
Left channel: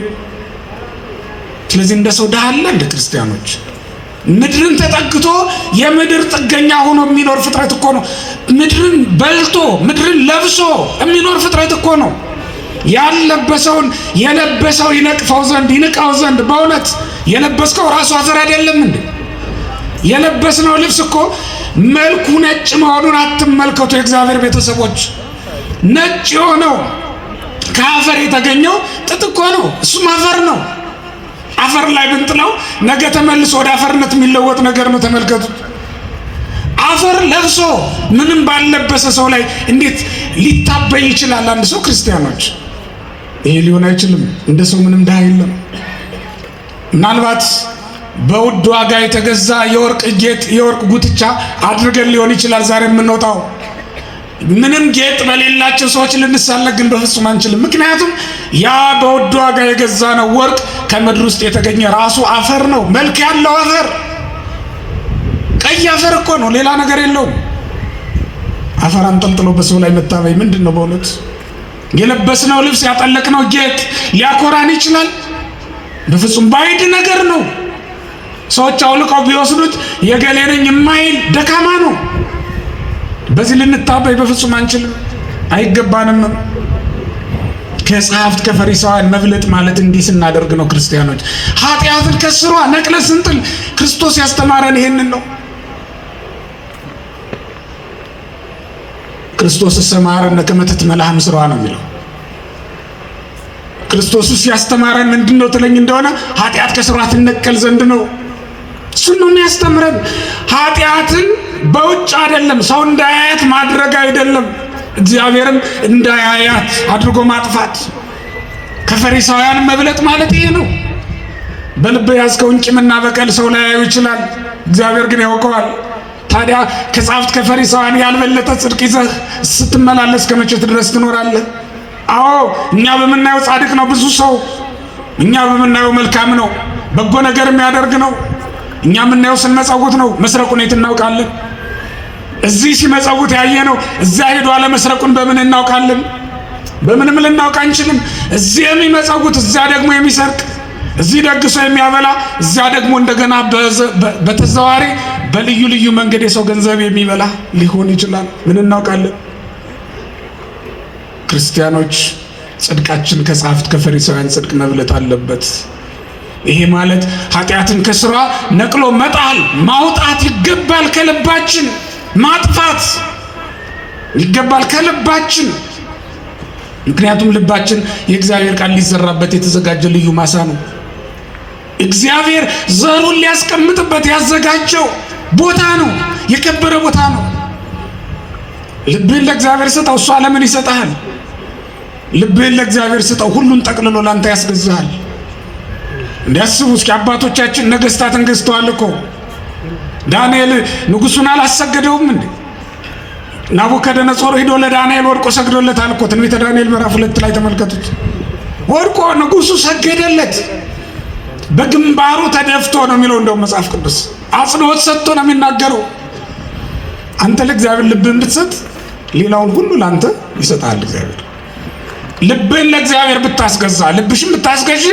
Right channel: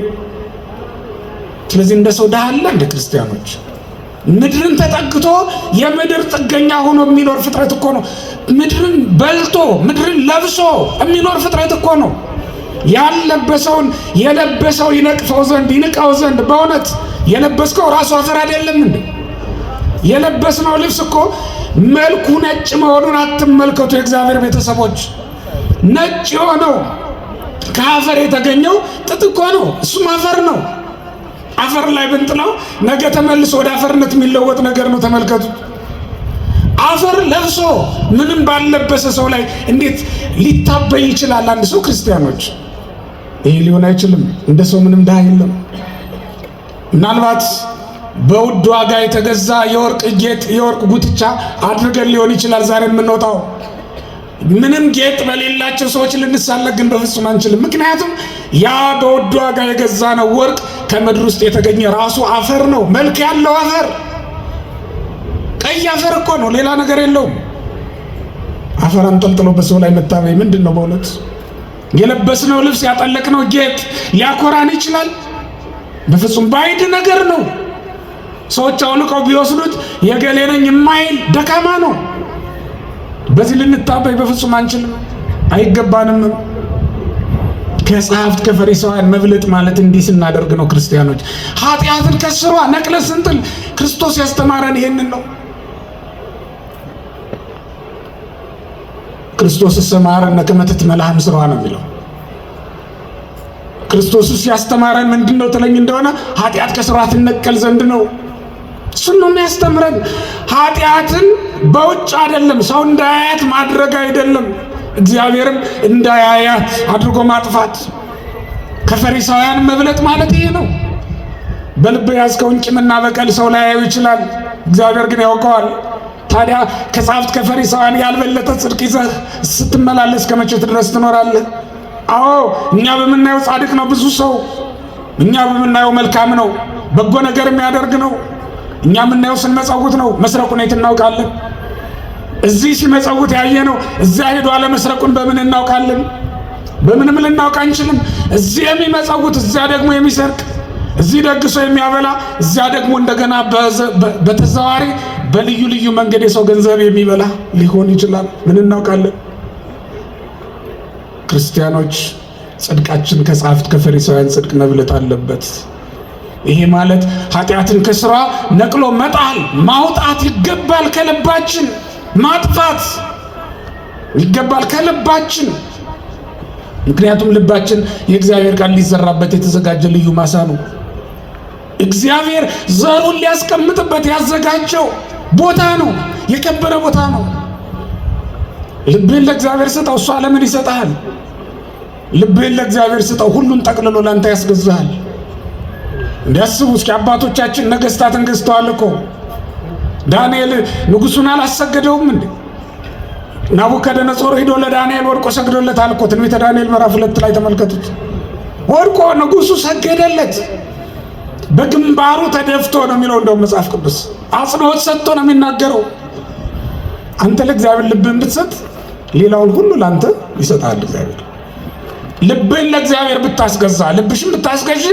ስለዚህ እንደ ሰው ድሃ አለ እንደ ክርስቲያኖች? ምድርን ተጠግቶ የምድር ጥገኛ ሆኖ የሚኖር ፍጥረት እኮ ነው። ምድርን በልቶ ምድርን ለብሶ የሚኖር ፍጥረት እኮ ነው። ያለበሰውን የለበሰው ይነቅፈው ዘንድ ይንቀው ዘንድ በእውነት የለበስከው ራሱ አፈር አይደለም እንዴ? የለበስነው ልብስ እኮ መልኩ ነጭ መሆኑን አትመልከቱ። የእግዚአብሔር ቤተሰቦች ነጭ የሆነው ከአፈር የተገኘው ጥጥ እኮ ነው። እሱም አፈር ነው። አፈር ላይ ብንጥለው ነገ ተመልሶ ወደ አፈርነት የሚለወጥ ነገር ነው። ተመልከቱት። አፈር ለብሶ ምንም ባልለበሰ ሰው ላይ እንዴት ሊታበይ ይችላል አንድ ሰው? ክርስቲያኖች ይሄ ሊሆን አይችልም። እንደ ሰው ምንም ድሃ የለም። ምናልባት በውድ ዋጋ የተገዛ የወርቅ ጌጥ የወርቅ ጉትቻ አድርገን ሊሆን ይችላል ዛሬ የምንወጣው። ምንም ጌጥ በሌላቸው ሰዎች ልንሳለቅ ግን በፍጹም አንችልም። ምክንያቱም ያ በውድ ዋጋ የገዛ ነው ወርቅ ከምድር ውስጥ የተገኘ ራሱ አፈር ነው። መልክ ያለው አፈር፣ ቀይ አፈር እኮ ነው፣ ሌላ ነገር የለውም። አፈር አንጠልጥሎ በሰው ላይ መታበይ ምንድን ነው በእውነት? የለበስነው ልብስ ያጠለቅነው ጌጥ ሊያኮራን ይችላል? በፍጹም ባዕድ ነገር ነው። ሰዎች አውልቀው ቢወስዱት የገሌ ነኝ የማይል ደካማ ነው። በዚህ ልንታበይ በፍጹም አንችልም፣ አይገባንም። ከጸሐፍት ከፈሪሳውያን መብለጥ ማለት እንዲህ ስናደርግ ነው ክርስቲያኖች። ኃጢአትን ከስሯ ነቅለን ስንጥል ክርስቶስ ያስተማረን ይሄንን ነው። ክርስቶስ ሰማረነ ከመ ትትመላህ ምስሯ ነው የሚለው። ክርስቶስ ያስተማረን ምንድነው ትለኝ እንደሆነ ኃጢአት ከስሯ ትነቀል ዘንድ ነው። እሱን ነው የሚያስተምረን። ኃጢአትን በውጭ አይደለም፣ ሰው እንዳያያት ማድረግ አይደለም፣ እግዚአብሔርም እንዳያያት አድርጎ ማጥፋት። ከፈሪሳውያን መብለጥ ማለት ይሄ ነው። በልብ ያዝከውን ቂምና በቀል ሰው ላያዩ ይችላል፣ እግዚአብሔር ግን ያውቀዋል። ታዲያ ከጸሐፍት ከፈሪሳውያን ያልበለጠ ጽድቅ ይዘህ ስትመላለስ ከመቼ ድረስ ትኖራለህ? አዎ እኛ በምናየው ጻድቅ ነው ብዙ ሰው፣ እኛ በምናየው መልካም ነው፣ በጎ ነገር የሚያደርግ ነው። እኛ የምናየው ስንመጸውት ነው። መስረቁን የት እናውቃለን? እዚህ ሲመጸውት ያየ ነው። እዚያ ሄዶ አለመስረቁን በምን እናውቃለን? በምንም ልናውቅ አንችልም። እዚህ የሚመጸውት እዚያ ደግሞ የሚሰርቅ፣ እዚህ ደግሶ የሚያበላ እዚያ ደግሞ እንደገና በተዘዋዋሪ በልዩ ልዩ መንገድ የሰው ገንዘብ የሚበላ ሊሆን ይችላል። ምን እናውቃለን? ክርስቲያኖች ጽድቃችን ከጸሐፍት ከፈሪሳውያን ጽድቅ መብለጥ አለበት። ይሄ ማለት ኃጢአትን ከስሯ ነቅሎ መጣል ማውጣት ይገባል። ከልባችን ማጥፋት ይገባል ከልባችን። ምክንያቱም ልባችን የእግዚአብሔር ቃል ሊዘራበት የተዘጋጀ ልዩ ማሳ ነው። እግዚአብሔር ዘሩን ሊያስቀምጥበት ያዘጋጀው ቦታ ነው። የከበረ ቦታ ነው። ልብህን ለእግዚአብሔር ስጠው፣ እሱ ዓለምን ይሰጥሃል። ልብህን ለእግዚአብሔር ስጠው፣ ሁሉን ጠቅልሎ ላንተ ያስገዛሃል። እንዲያስቡ እስኪ አባቶቻችን ነገስታትን ገዝተዋል እኮ። ዳንኤል ንጉሱን አላሰገደውም እንዴ? ናቡከደነጾር ሄዶ ለዳንኤል ወድቆ ሰግዶለታል እኮ። ትንቢተ ዳንኤል ምዕራፍ 2 ላይ ተመልከቱት። ወድቆ ንጉሱ ሰገደለት። በግንባሩ ተደፍቶ ነው የሚለው እንደውም መጽሐፍ ቅዱስ አጽንኦት ሰጥቶ ነው የሚናገረው። አንተ ለእግዚአብሔር ልብህን ብትሰጥ ሌላውን ሁሉ ላንተ ይሰጣል እግዚአብሔር። ልብህን ለእግዚአብሔር ብታስገዛ፣ ልብሽን ብታስገዢ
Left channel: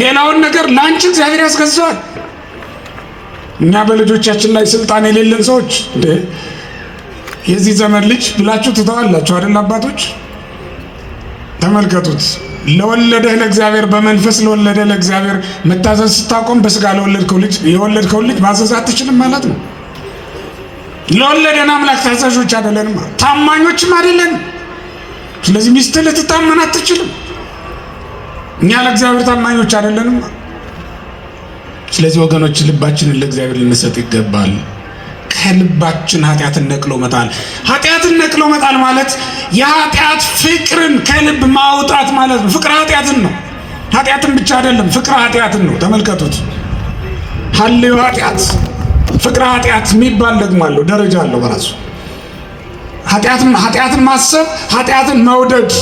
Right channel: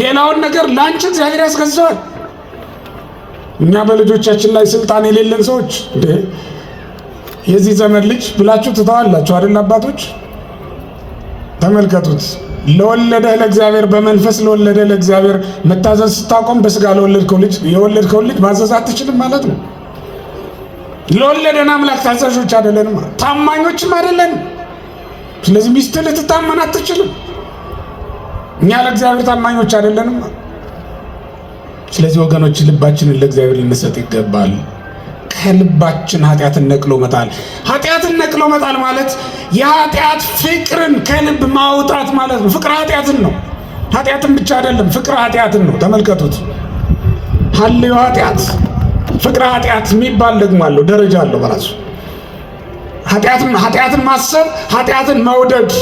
ሌላውን ነገር ላንቺ እግዚአብሔር ያስገዛዋል። እኛ በልጆቻችን ላይ ስልጣን የሌለን ሰዎች እንዴ የዚህ ዘመን ልጅ ብላችሁ ትተዋላችሁ አይደል? አባቶች ተመልከቱት። ለወለደህ ለእግዚአብሔር በመንፈስ ለወለደህ ለእግዚአብሔር መታዘዝ ስታቆም በስጋ ለወለድከው ልጅ የወለድከው ልጅ ማዘዝ አትችልም ማለት ነው። ለወለደን አምላክ ታዛዦች አይደለንም፣ ታማኞችም አይደለንም። ስለዚህ ሚስትህ ልትታመን አትችልም። እኛ ለእግዚአብሔር ታማኞች አይደለንም። ስለዚህ ወገኖች ልባችንን ለእግዚአብሔር ልንሰጥ ይገባል። ከልባችን ኃጢአትን ነቅሎ መጣል። ኃጢአትን ነቅሎ መጣል ማለት የኃጢአት ፍቅርን ከልብ ማውጣት ማለት ነው። ፍቅር ኃጢአትን ነው። ኃጢአትን ብቻ አይደለም፣ ፍቅር ኃጢአትን ነው። ተመልከቱት። ሀልዮ ኃጢአት ፍቅረ ኃጢአት የሚባል ደግሞ አለው፣ ደረጃ አለው በራሱ። ኃጢአትን ማሰብ ኃጢአትን መውደድ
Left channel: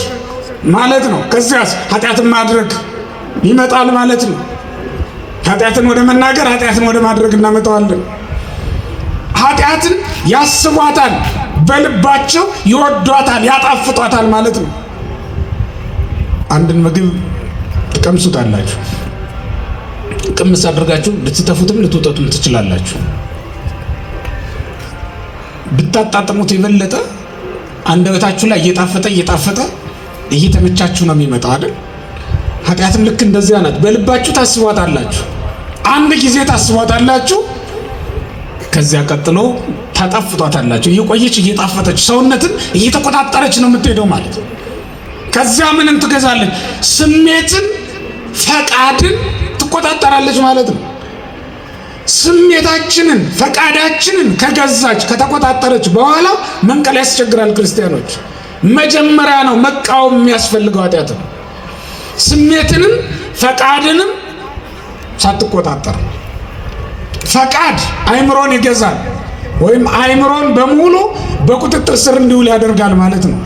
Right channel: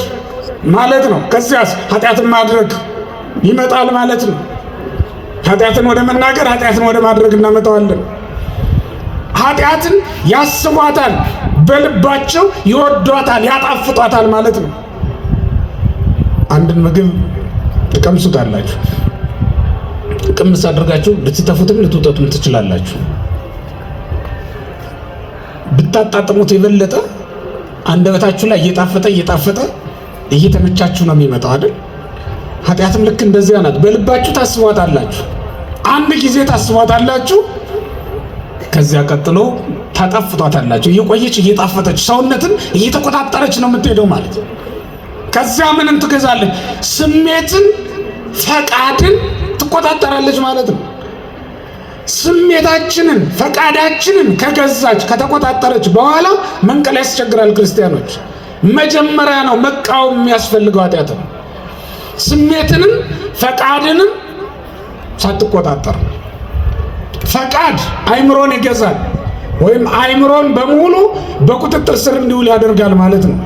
ማለት ነው። ከዚያስ ኃጢአትን ማድረግ ይመጣል ማለት ነው። ኃጢአትን ወደ መናገር ኃጢአትን ወደ ማድረግ እናመጣዋለን። ኃጢአትን ያስቧታል፣ በልባቸው ይወዷታል፣ ያጣፍጧታል ማለት ነው። አንድን ምግብ ትቀምሱታላችሁ፣ ቅምስ አድርጋችሁ ልትተፉትም ልትውጠቱም ትችላላችሁ። ብታጣጥሙት የበለጠ አንደበታችሁ ላይ እየጣፈጠ እየተመቻችሁ ነው የሚመጣው አይደል? ኃጢአትም ልክ እንደዚያ ናት። በልባችሁ ታስቧታላችሁ፣ አንድ ጊዜ ታስቧታላችሁ፣ ከዚያ ቀጥሎ ታጣፍጧታላችሁ። እየቆየች እየጣፈጠች ሰውነትን እየተቆጣጠረች ነው የምትሄደው ማለት ነው። ከዚያ ምንን ትገዛለች? ስሜትን፣ ፈቃድን ትቆጣጠራለች ማለት ነው። ስሜታችንን ፈቃዳችንን ከገዛች ከተቆጣጠረች በኋላ መንቀል ያስቸግራል። ክርስቲያኖች መጀመሪያ ነው መቃወም የሚያስፈልገው ኃጢአት ነው። ስሜትንም ፈቃድንም ሳትቆጣጠር። ፈቃድ አይምሮን ይገዛል ወይም አይምሮን በሙሉ በቁጥጥር ስር እንዲውል ያደርጋል ማለት ነው።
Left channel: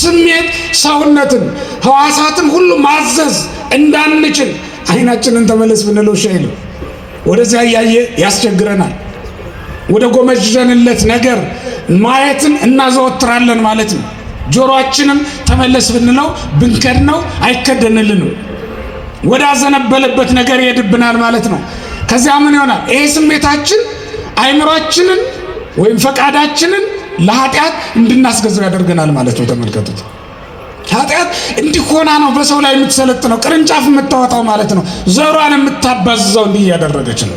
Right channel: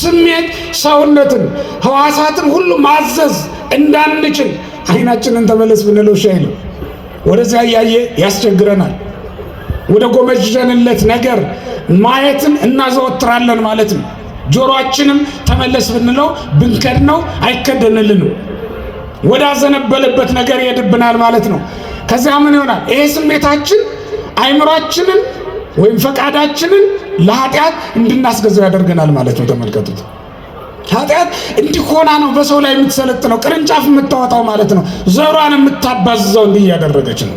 ስሜት ሰውነትን ሕዋሳትን ሁሉ ማዘዝ እንዳንችል አይናችንን ተመለስ ብንለው ሻይል ወደዚያ እያየ ያስቸግረናል። ወደ ጎመጀንለት ነገር ማየትን እናዘወትራለን ማለት ነው። ጆሮአችንም ተመለስ ብንለው ብንከድነው አይከደንልንም። ወደ አዘነበለበት ነገር ይሄድብናል ማለት ነው። ከዚያ ምን ይሆናል? ይሄ ስሜታችን አይምሯችንን ወይም ፈቃዳችንን ለኃጢአት እንድናስገዛው ያደርገናል ማለት ነው። ተመልከቱት። ኃጢአት እንዲህ ሆና ነው በሰው ላይ የምትሰለጥነው፣ ቅርንጫፍ የምታወጣው ማለት ነው። ዘሯን የምታባዝዘው እንዲህ እያደረገች ነው።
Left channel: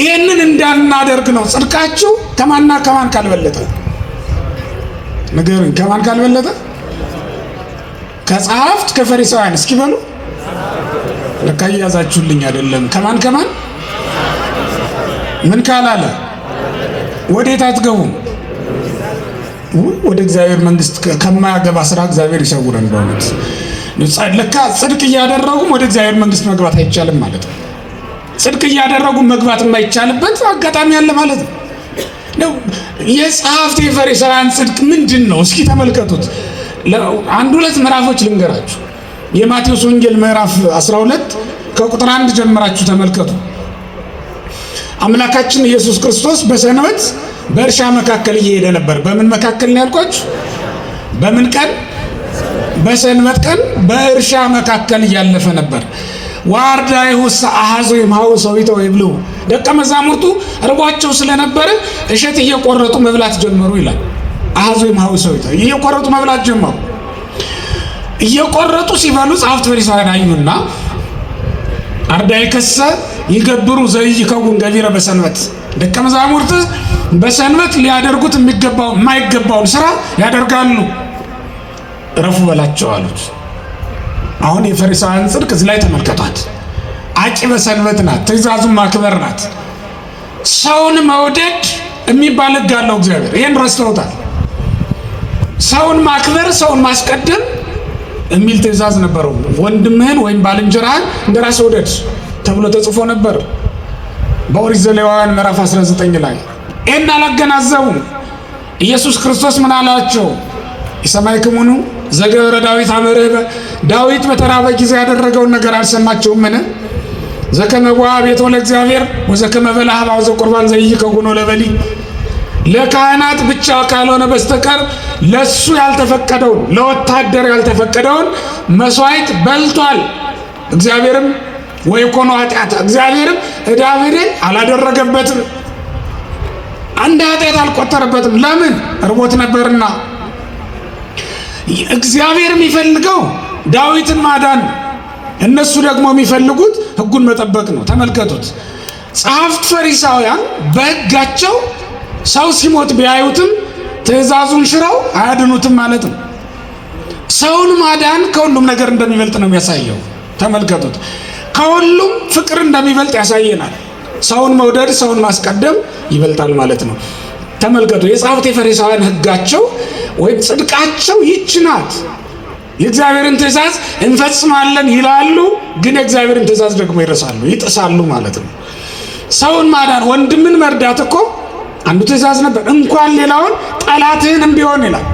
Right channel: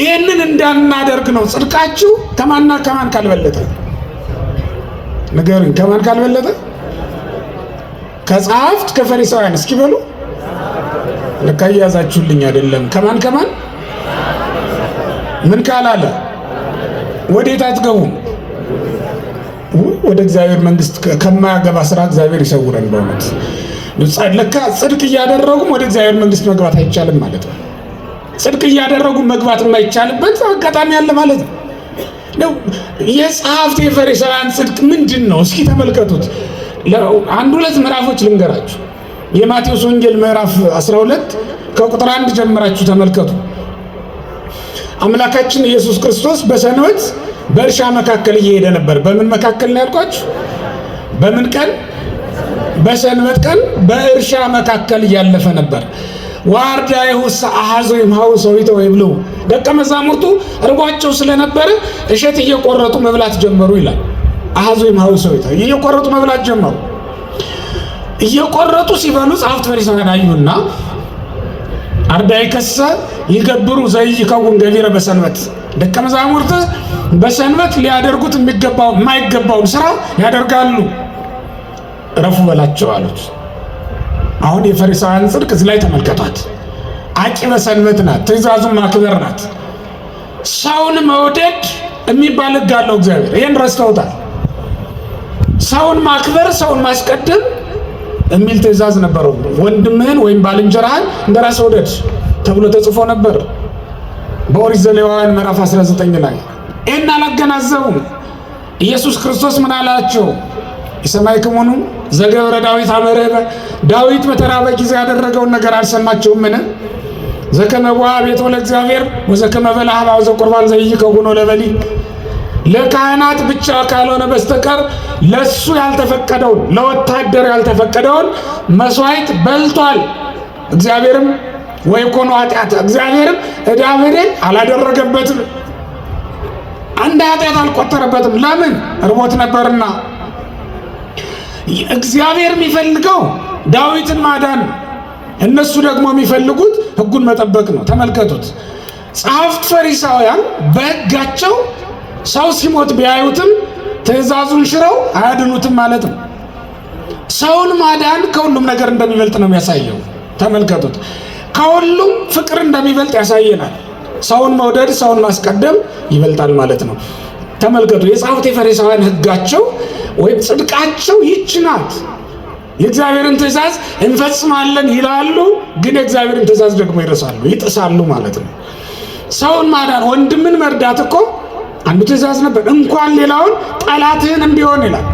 ይህንን እንዳናደርግ ነው ጽድቃችሁ ከማንና ከማን ካልበለጠ ንገሩኝ። ከማን ካልበለጠ? ከጸሐፍት ከፈሪሳውያን። እስኪ በሉ። ለካ እያዛችሁልኝ አይደለም። ከማን ምን ካላለ ወዴት አትገቡም? ወደ እግዚአብሔር መንግስት ከማያገባ ስራ እግዚአብሔር ይሰውረን። በእውነት ለካ ጽድቅ እያደረጉም ወደ እግዚአብሔር መንግስት መግባት አይቻልም ማለት ነው። ጽድቅ እያደረጉ መግባት የማይቻልበት አጋጣሚ አለ ማለት ነው። የጸሐፍት የፈሪሳውያን ጽድቅ ምንድን ነው? እስኪ ተመልከቱት። አንድ ሁለት ምዕራፎች ልንገራችሁ። የማቴዎስ ወንጌል ምዕራፍ 12 ከቁጥር 1 ጀምራችሁ ተመልከቱ። አምላካችን ኢየሱስ ክርስቶስ በሰንበት በእርሻ መካከል እየሄደ ነበር። በምን መካከል ነው ያልኳችሁ? በምን ቀን? በሰንበት ቀን በእርሻ መካከል እያለፈ ነበር። ዋርዳይሁ አሐዞ ይምሃው ሰዊተ ወይብሉ። ደቀ መዛሙርቱ እርቧቸው ስለነበረ እሸት እየቆረጡ መብላት ጀመሩ ይላል። አሐዞ ይምሃው ሰዊተ እየቆረጡ መብላት ጀመሩ። እየቆረጡ ሲበሉ ጸሐፍት ፈሪሳውያን አዩና አርዳኢከሰ ይገብሩ ዘይከውን ገቢረ በሰንበት። ደቀ መዛሙርት በሰንበት ሊያደርጉት የማይገባውን ስራ ያደርጋሉ፣ እረፉ በላቸው አሉት። አሁን የፈሪሳውያን ጽድቅ እዚህ ላይ ተመልከቷት። አቂበ ሰንበት ናት፣ ትእዛዙን ማክበር ናት። ሰውን መውደድ የሚባል ሕግ አለው እግዚአብሔር። ይህን ረስተውታል። ሰውን ማክበር፣ ሰውን ማስቀደም የሚል ትእዛዝ ነበረው። ወንድምህን ወይም ባልንጀራህን እንደራስህ ውደድ ተብሎ ተጽፎ ነበር በኦሪት ዘሌዋውያን ምዕራፍ 19 ላይ። ይህን አላገናዘቡም። ኢየሱስ ክርስቶስ ምን አላቸው? የሰማዕክሙኑ ዘገብረ ዳዊት አመረበ። ዳዊት በተራበ ጊዜ ያደረገውን ነገር አልሰማችሁምን? ዘከመ ቦአ ቤቶ ለእግዚአብሔር ወዘከመ በልዐ ኀበ ዘቁርባን ዘይከውኖ ለበሊ። ለካህናት ብቻ ካልሆነ በስተቀር ለሱ ያልተፈቀደውን ለወታደር ያልተፈቀደውን መስዋዕት በልቷል። እግዚአብሔርም ወይኮኖ ኃጢአት፣ እግዚአብሔርም ዕዳ በደል አላደረገበትም፣ አንድ ኃጢአት አልቆጠረበትም። ለምን? እርቦት ነበርና። እግዚአብሔር የሚፈልገው ዳዊትን ማዳን፣ እነሱ ደግሞ የሚፈልጉት ሕጉን መጠበቅ ነው። ተመልከቱት። ጸሐፍት ፈሪሳውያን በሕጋቸው ሰው ሲሞት ቢያዩትም ትእዛዙን ሽረው አያድኑትም ማለት ነው። ሰውን ማዳን ከሁሉም ነገር እንደሚበልጥ ነው የሚያሳየው። ተመልከቱት። ከሁሉም ፍቅር እንደሚበልጥ ያሳየናል። ሰውን መውደድ፣ ሰውን ማስቀደም ይበልጣል ማለት ነው። ተመልከቱ። የጸሐፍት የፈሪሳውያን ሕጋቸው ወይም ጽድቃቸው ይህች ናት። የእግዚአብሔርን ትእዛዝ እንፈጽማለን ይላሉ፣ ግን የእግዚአብሔርን ትእዛዝ ደግሞ ይረሳሉ፣ ይጥሳሉ ማለት ነው። ሰውን ማዳን ወንድምን መርዳት እኮ አንዱ ትእዛዝ ነበር። እንኳን ሌላውን ጠላትህንም ቢሆን ይላል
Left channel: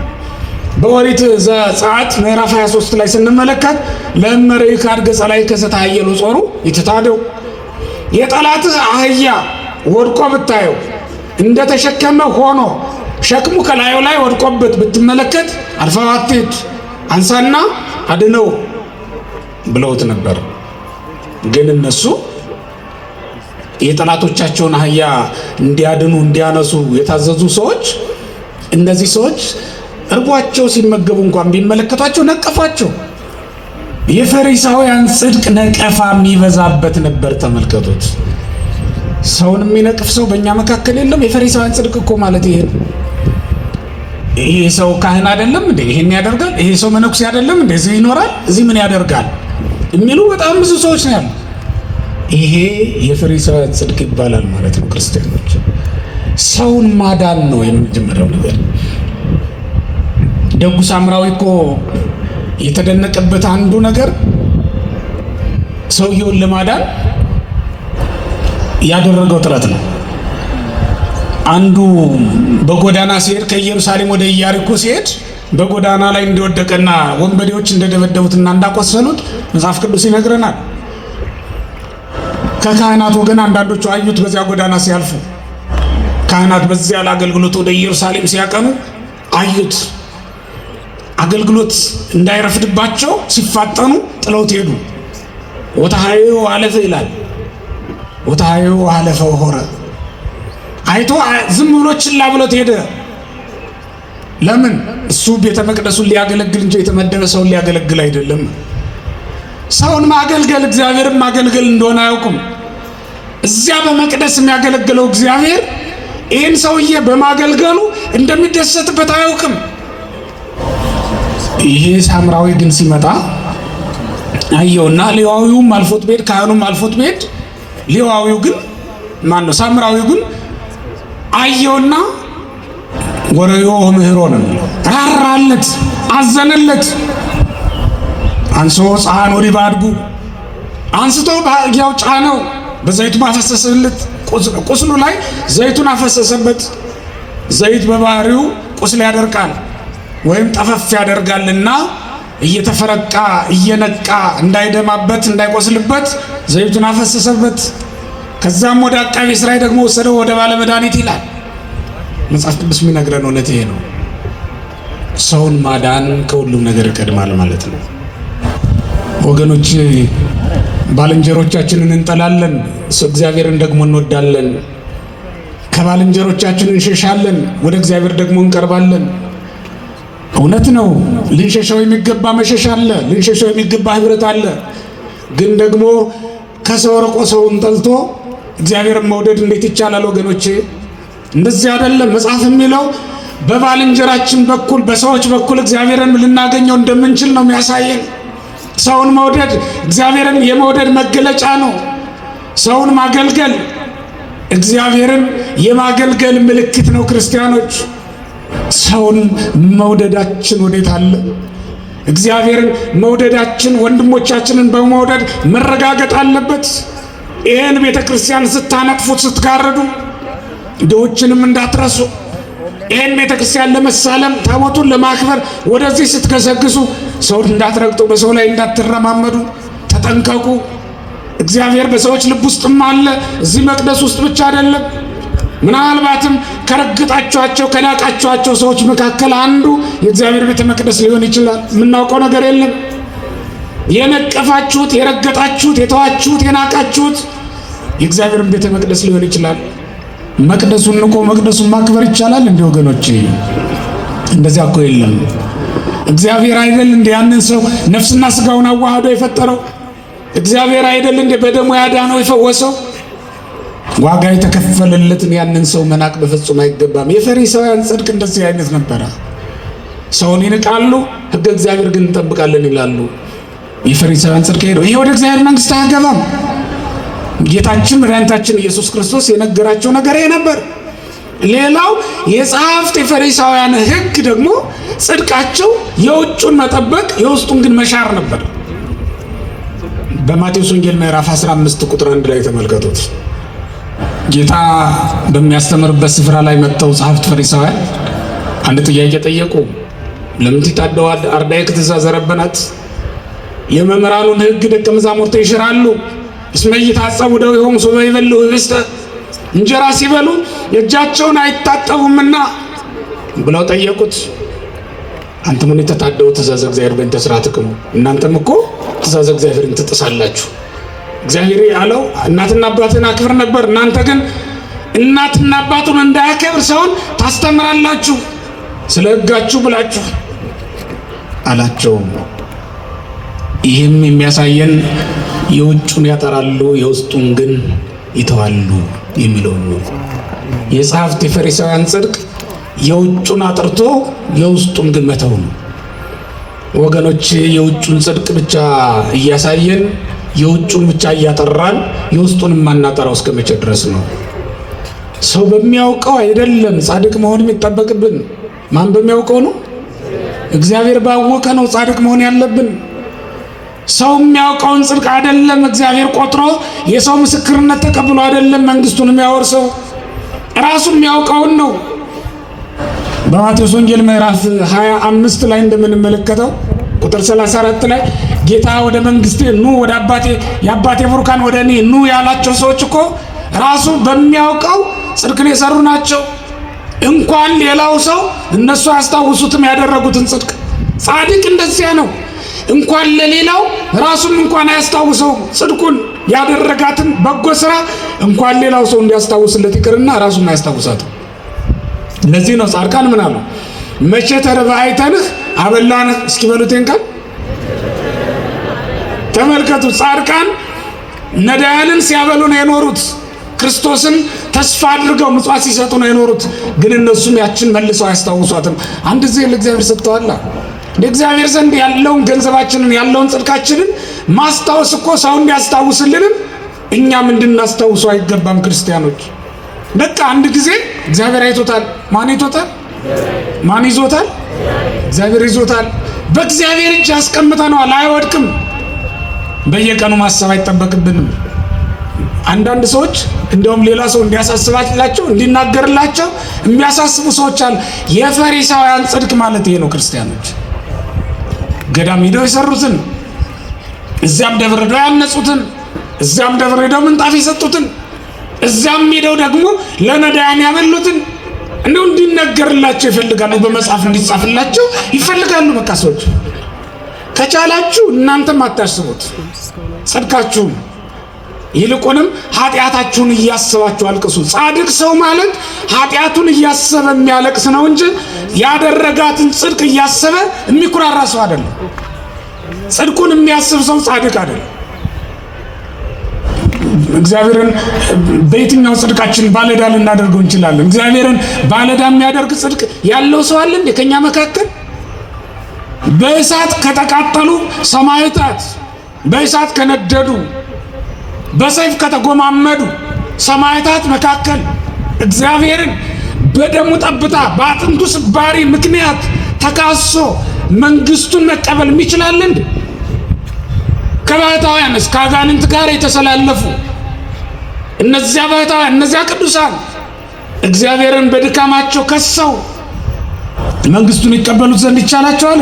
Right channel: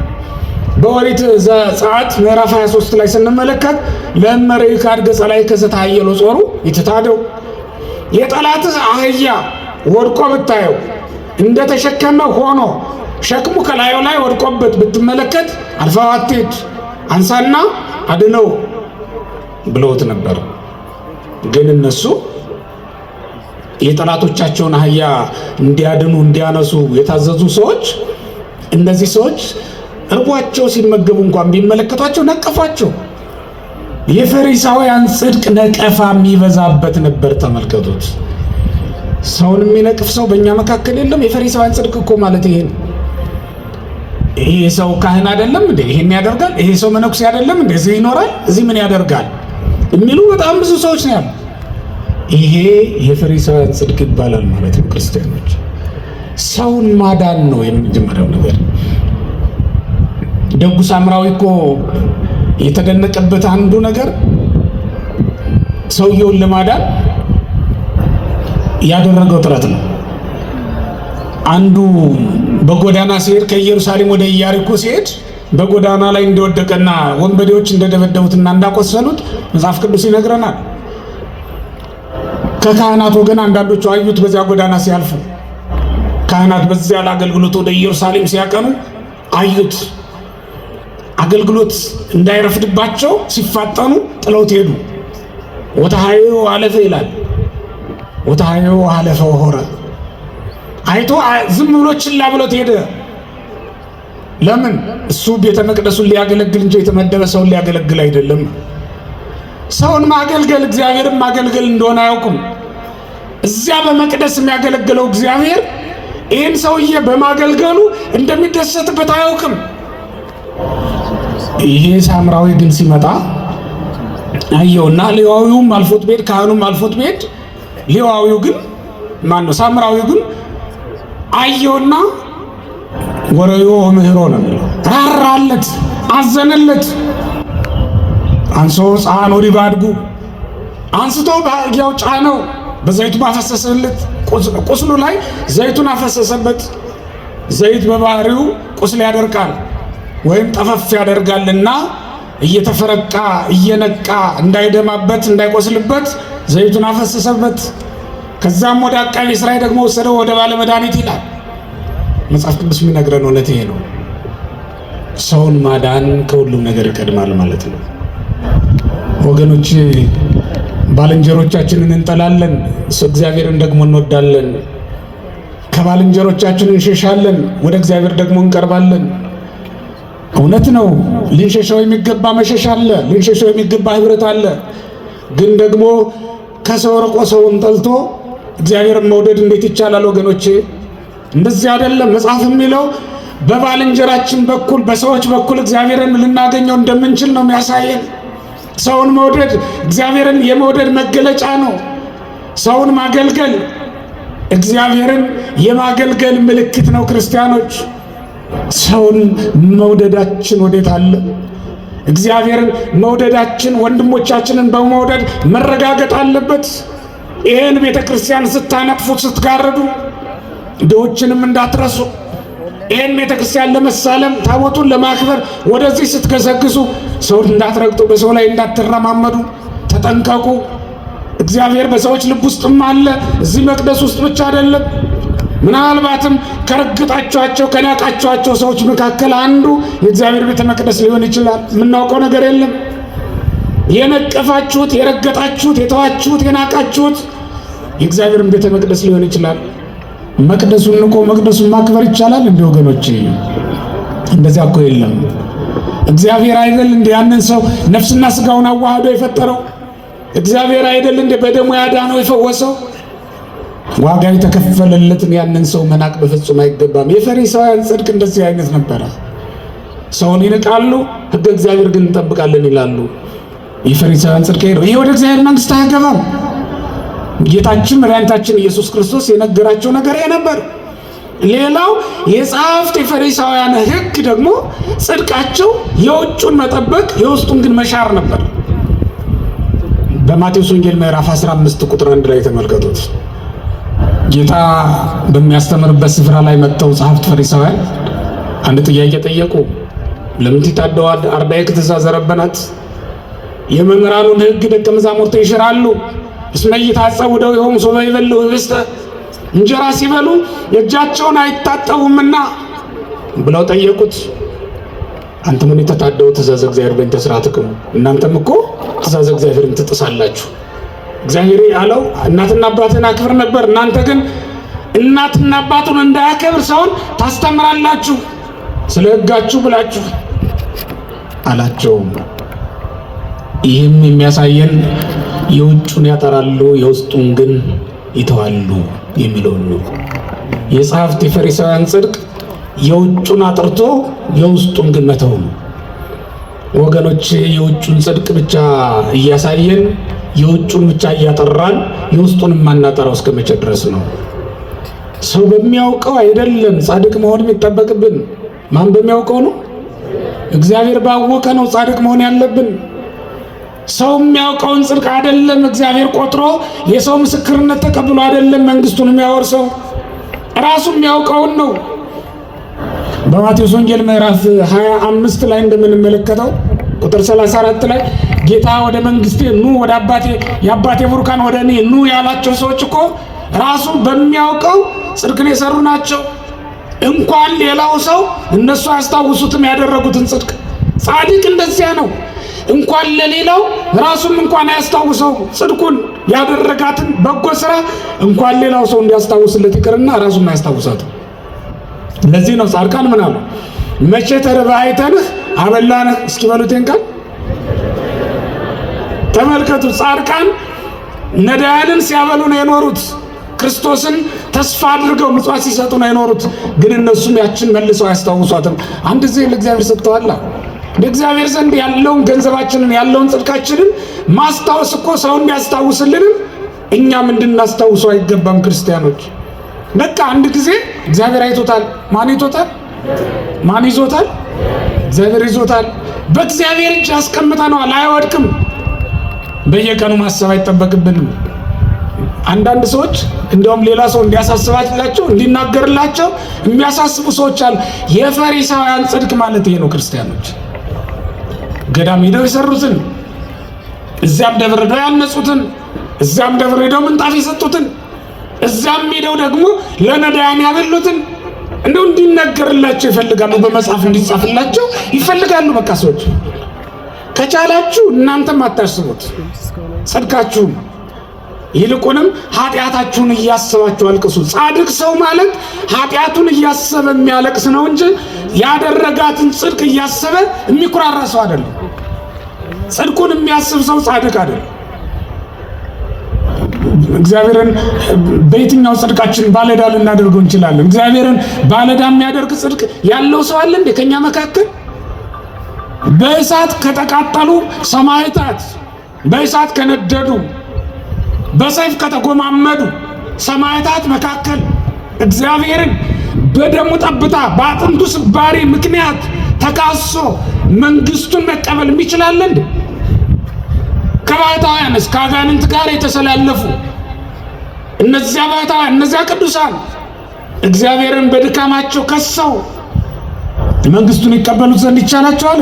በኦሪት ዘጸአት ምዕራፍ 23 ላይ ስንመለከት ለመረይ ካርገ ጸላይ ከዘታየሎ ጾሩ ይተታደው የጠላትህ አህያ ወድቆ ብታየው እንደተሸከመ ሆኖ ሸክሙ ከላዩ ላይ ወድቆበት ብትመለከት አልፋዋቴት አንሳና አድነው ብለውት ነበር። ግን እነሱ የጠላቶቻቸውን አህያ እንዲያድኑ እንዲያነሱ የታዘዙ ሰዎች እነዚህ ሰዎች እርቧቸው ሲመገቡ እንኳን ቢመለከቷቸው ነቀፋቸው። የፈሪሳውያን ጽድቅ ነቀፋ የሚበዛበት ነበር። ተመልከቱት። ሰውን የሚነቅፍ ሰው በእኛ መካከል የለም። የፈሪሳውያን ጽድቅ እኮ ማለት ይሄ ነው። ይሄ ሰው ካህን አይደለም እንዴ? ይሄን ያደርጋል። ይሄ ሰው መነኩሴ አይደለም እንዴ? እዚህ ይኖራል፣ እዚህ ምን ያደርጋል የሚሉ በጣም ብዙ ሰዎች ነው ያሉ። ይሄ የፈሪሳውያን ጽድቅ ይባላል ማለት ነው። ክርስቲያኖች ሰውን ማዳን ነው የመጀመሪያው ነገር። ደጉ ሳምራዊ እኮ የተደነቀበት አንዱ ነገር ሰውየውን ለማዳን ያደረገው ጥረት ነው። አንዱ በጎዳና ሲሄድ ከኢየሩሳሌም ወደ ኢያሪኮ ሲሄድ በጎዳና ላይ እንደወደቀና ወንበዴዎች እንደደበደቡትና እንዳቆሰሉት መጽሐፍ ቅዱስ ይነግረናል። ከካህናት ወገን አንዳንዶቹ አዩት። በዚያ ጎዳና ሲያልፉ ካህናት በዚያ ለአገልግሎት ወደ ኢየሩሳሌም ሲያቀኑ አዩት። አገልግሎት እንዳይረፍድባቸው ሲፋጠኑ ጥለውት ሄዱ። ወተሃዩ አለፈ ይላል። ወተሃዩ አለፈ ሆረ አይቶ ዝም ብሎ ችላ ብሎት ሄደ። ለምን? እሱ ቤተ መቅደሱን ሊያገለግል እንጂ የተመደበ ሰውን ሊያገለግል አይደለም። ሰውን ማገልገል እግዚአብሔርን ማገልገል እንደሆነ አያውቁም። እዚያ በመቅደስ የሚያገለግለው እግዚአብሔር ይህን ሰውዬ በማገልገሉ እንደሚደሰትበት አያውቅም። ይሄ ሳምራዊ ግን ሲመጣ አየውና ሌዋዊውም አልፎት ቤት ካህኑም አልፎት ቤት ሌዋዊው ግን ማነው ሳምራዊው ግን አየውና ወረዮ ምህሮ ነው ራራለት፣ አዘነለት። አንሶ ጻን ወዲ ባድጉ አንስቶ በያው ጫነው፣ በዘይቱ ማፈሰሰለት። ቁስሉ ላይ ዘይቱን አፈሰሰበት። ዘይት በባህሪው ቁስል ያደርቃል ወይም ጠፈፍ ያደርጋልና እየተፈረቃ እየነቃ እንዳይደማበት እንዳይቆስልበት ዘይቱን አፈሰሰበት። ከዛም ወደ አቃቤ ሥራይ ደግሞ ወሰደው ወደ ባለ መድኃኒት ይላል መጽሐፍ ቅዱስ የሚነግረን እውነት ይሄ ነው። ሰውን ማዳን ከሁሉም ነገር ይቀድማል ማለት ነው። ወገኖች ባልንጀሮቻችንን እንጠላለን፣ እግዚአብሔርን ደግሞ እንወዳለን። ከባልንጀሮቻችን እንሸሻለን፣ ወደ እግዚአብሔር ደግሞ እንቀርባለን። እውነት ነው። ልንሸሸው የሚገባ መሸሽ አለ፣ ልንሸሸው የሚገባ ህብረት አለ። ግን ደግሞ ከሰው ርቆ ሰውን ጠልቶ እግዚአብሔርን መውደድ እንዴት ይቻላል ወገኖቼ? እንደዚህ አይደለም። መጽሐፍ የሚለው በባልንጀራችን በኩል በሰዎች በኩል እግዚአብሔርን ልናገኘው እንደምንችል ነው የሚያሳየን። ሰውን መውደድ እግዚአብሔርን የመውደድ መገለጫ ነው። ሰውን ማገልገል እግዚአብሔርን የማገልገል ምልክት ነው። ክርስቲያኖች ሰውን መውደዳችን ወዴት አለ? እግዚአብሔርን መውደዳችን ወንድሞቻችንን በመውደድ መረጋገጥ አለበት። ይህን ቤተ ክርስቲያን ስታነጥፉት ስትጋርዱ ድሆችንም እንዳትረሱ። ይህን ቤተ ክርስቲያን ለመሳለም ታቦቱን ለማክበር ወደዚህ ስትገሰግሱ ሰውን እንዳትረግጡ፣ በሰው ላይ እንዳትረማመዱ ተጠንቀቁ። እግዚአብሔር በሰዎች ልብ ውስጥም አለ፣ እዚህ መቅደስ ውስጥ ብቻ አይደለም። ምናልባትም ከረግጣችኋቸው ከናቃችኋቸው ሰዎች መካከል አንዱ የእግዚአብሔር ቤተ መቅደስ ሊሆን ይችላል። የምናውቀው ነገር የለም። የነቀፋችሁት፣ የረገጣችሁት፣ የተዋችሁት፣ የናቃችሁት የእግዚአብሔርን ቤተ መቅደስ ሊሆን ይችላል። መቅደሱን ንቆ መቅደሱን ማክበር ይቻላል እንዴ ወገኖቼ? እንደዚያ እኮ የለም። እግዚአብሔር አይደል እንደ ያንን ሰው ነፍስና ስጋውን አዋህዶ የፈጠረው? እግዚአብሔር አይደል እንደ በደሙ ያዳነው የፈወሰው? ዋጋ የተከፈለለትን ያንን ሰው መናቅ በፍጹም አይገባም። የፈሪሳውያን ጽድቅ እንደዚህ አይነት ነበረ። ሰውን ይንቃሉ፣ ሕገ እግዚአብሔር ግን እንጠብቃለን ይላሉ። የፈሪሳውያን ጽድቅ ሄደው ይሄ ወደ እግዚአብሔር መንግሥት አያገባም። ጌታችን መድኃኒታችን ኢየሱስ ክርስቶስ የነገራቸው ነገር ይሄ ነበር። ሌላው የጸሐፍት የፈሪሳውያን ሕግ ደግሞ ጽድቃቸው የውጩን መጠበቅ የውስጡን ግን መሻር ነበር። በማቴዎስ ወንጌል ምዕራፍ 15 ቁጥር 1 ላይ ተመልከቱት። ጌታ በሚያስተምርበት ስፍራ ላይ መጥተው ጸሐፍት ፈሪሳውያን አንድ ጥያቄ ጠየቁ። ለምን ትታደዋል? አርባዕቱ ትእዛዝ ረበናት የመምህራኑን ሕግ ደቀ መዛሙርቱ ይሽራሉ። እስመ ኢይታጸቡ እደዊሆሙ ሶበ ይበልዑ ኅብስተ እንጀራ ሲበሉ እጃቸውን አይታጠቡምና ብለው ጠየቁት። አንተ ምን የተታደው ትእዛዝ እግዚአብሔር በእንተ ሥርዓትክሙ? እናንተም እኮ ትእዛዝ እግዚአብሔርን ትጥሳላችሁ። እግዚአብሔር ያለው እናትና አባትን አክብር ነበር። እናንተ ግን እናትና አባቱን እንዳያከብር ሰውን ታስተምራላችሁ ስለ ሕጋችሁ ብላችሁ አላቸው። ይህም የሚያሳየን የውጩን ያጠራሉ የውስጡን ግን ይተዋሉ የሚለውን ነው። የጸሐፍት የፈሪሳውያን ጽድቅ የውጩን አጥርቶ የውስጡን ግን መተው ነው። ወገኖች የውጩን ጽድቅ ብቻ እያሳየን የውጩን ብቻ እያጠራን የውስጡን የማናጠራው እስከ መቼ ድረስ ነው? ሰው በሚያውቀው አይደለም ጻድቅ መሆን የሚጠበቅብን። ማን በሚያውቀው ነው? እግዚአብሔር ባወቀ ነው ጻድቅ መሆን ያለብን። ሰው የሚያውቀውን ጽድቅ አይደለም እግዚአብሔር ቆጥሮ የሰው ምስክርነት ተቀብሎ አይደለም መንግስቱን የሚያወርሰው፣ ራሱ የሚያውቀውን ነው። በማቴዎስ ወንጌል ምዕራፍ 25 ላይ እንደምንመለከተው ቁጥር 34 ላይ ጌታ ወደ መንግስቴ ኑ፣ ወደ አባቴ የአባቴ ቡሩካን ወደ እኔ ኑ ያላቸው ሰዎች እኮ ራሱ በሚያውቀው ጽድቅን የሰሩ ናቸው። እንኳን ሌላው ሰው እነሱ ያስታውሱትም ያደረጉትን ጽድቅ። ጻድቅ እንደዚያ ነው። እንኳን ለሌላው ራሱም እንኳን አያስታውሰው ጽድቁን ያደረጋትን በጎ ስራ እንኳን ሌላው ሰው እንዲያስታውስለት ይቅርና ራሱም አያስታውሳትም። ለዚህ ነው ጻድቃን ምን አሉ? መቼ ተርበህ አይተንህ አበላንህ እስኪበሉትን ቃል ተመልከቱ። ጻድቃን ነዳያንን ሲያበሉ ነው የኖሩት። ክርስቶስን ተስፋ አድርገው ምጽዋት ሲሰጡ ነው የኖሩት። ግን እነሱም ያችን መልሰው አያስታውሷትም። አንድ ጊዜ ለእግዚአብሔር ሰጥተዋል። ለእግዚአብሔር ዘንድ ያለውን ገንዘባችንን ያለውን ጽድቃችንን ማስታወስ እኮ ሰው እንዲያስታውስልንም እኛም እንድናስታውሰው አይገባም? ክርስቲያኖች በቃ አንድ ጊዜ እግዚአብሔር አይቶታል። ማን ይቶታል? ማን ይዞታል? እግዚአብሔር ይዞታል። በእግዚአብሔር እጅ ያስቀምጠነዋል፣ አይወድቅም። በየቀኑ ማሰብ አይጠበቅብንም። አንዳንድ ሰዎች እንደውም ሌላ ሰው እንዲያሳስባላቸው እንዲናገርላቸው የሚያሳስቡ ሰዎች አሉ። የፈሪሳውያን ጽድቅ ማለት ይሄ ነው። ክርስቲያኖች ገዳም ሄደው የሰሩትን፣ እዚያም ደብረ ሄደው ያነጹትን፣ እዚያም ደብረ ሄደው ምንጣፍ የሰጡትን፣ እዚያም ሄደው ደግሞ ለነዳያን ያበሉትን እንደው እንዲነገርላቸው ይፈልጋሉ። በመጽሐፍ እንዲጻፍላቸው ይፈልጋሉ። በቃ ሰዎች ከቻላችሁ እናንተም አታስቡት ጽድቃችሁን፣ ይልቁንም ኃጢአታችሁን እያሰባችሁ አልቅሱ። ጻድቅ ሰው ማለት ኃጢአቱን እያሰበ የሚያለቅስ ነው እንጂ ያደረጋትን ጽድቅ እያሰበ የሚኩራራ ሰው አይደለም። ጽድቁን የሚያስብ ሰው ጻድቅ አይደለም። እግዚአብሔርን በየትኛው ጽድቃችን ባለዕዳ ልናደርገው እንችላለን? እግዚአብሔርን ባለዕዳ የሚያደርግ ጽድቅ ያለው ሰው አለ እንዴ ከኛ መካከል? በእሳት ከተቃጠሉ ሰማዕታት፣ በእሳት ከነደዱ፣ በሰይፍ ከተጎማመዱ ሰማዕታት መካከል እግዚአብሔርን በደሙ ጠብታ በአጥንቱ ስባሪ ምክንያት ተካሶ መንግስቱን መቀበል የሚችላል እንዴ? ከባሕታውያንስ ከአጋንንት ጋር የተሰላለፉ እነዚያ ባሕታውያን እነዚያ ቅዱሳን እግዚአብሔርን በድካማቸው ከሰው መንግስቱን ይቀበሉት ዘንድ ይቻላቸዋል?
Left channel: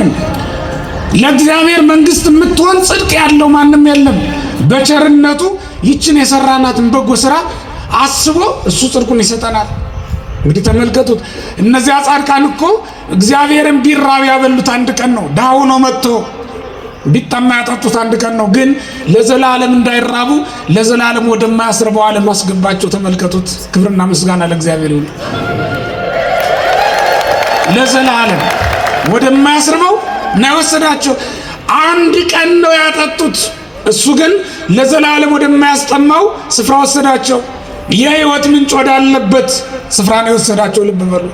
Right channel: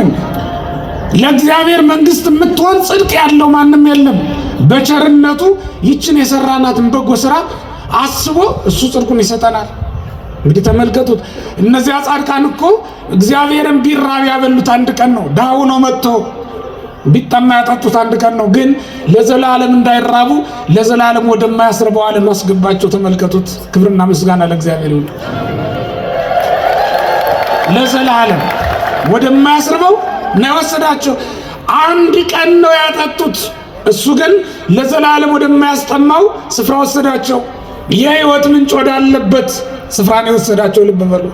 ለእግዚአብሔር መንግስት የምትሆን ጽድቅ ያለው ማንም የለም። በቸርነቱ ይችን የሰራናትን በጎ ስራ አስቦ እሱ ጽድቁን ይሰጠናል። እንግዲህ ተመልከቱት። እነዚያ ጻድቃን እኮ እግዚአብሔርን ቢራብ ያበሉት አንድ ቀን ነው። ዳው ነው መጥቶ ቢጠማ ያጠጡት አንድ ቀን ነው። ግን ለዘላለም እንዳይራቡ ለዘላለም ወደማያስርበው ዓለም አስገባቸው። ተመልከቱት። ክብርና ምስጋና ለእግዚአብሔር ይሁን። ለዘላለም ወደማያስርበው ነው የወሰዳቸው። አንድ ቀን ነው ያጠጡት። እሱ ግን ለዘላለም ወደማያስጠማው ስፍራ ወሰዳቸው። የሕይወት ምንጭ ወዳለበት ስፍራ ነው የወሰዳቸው። ልብ በሉ።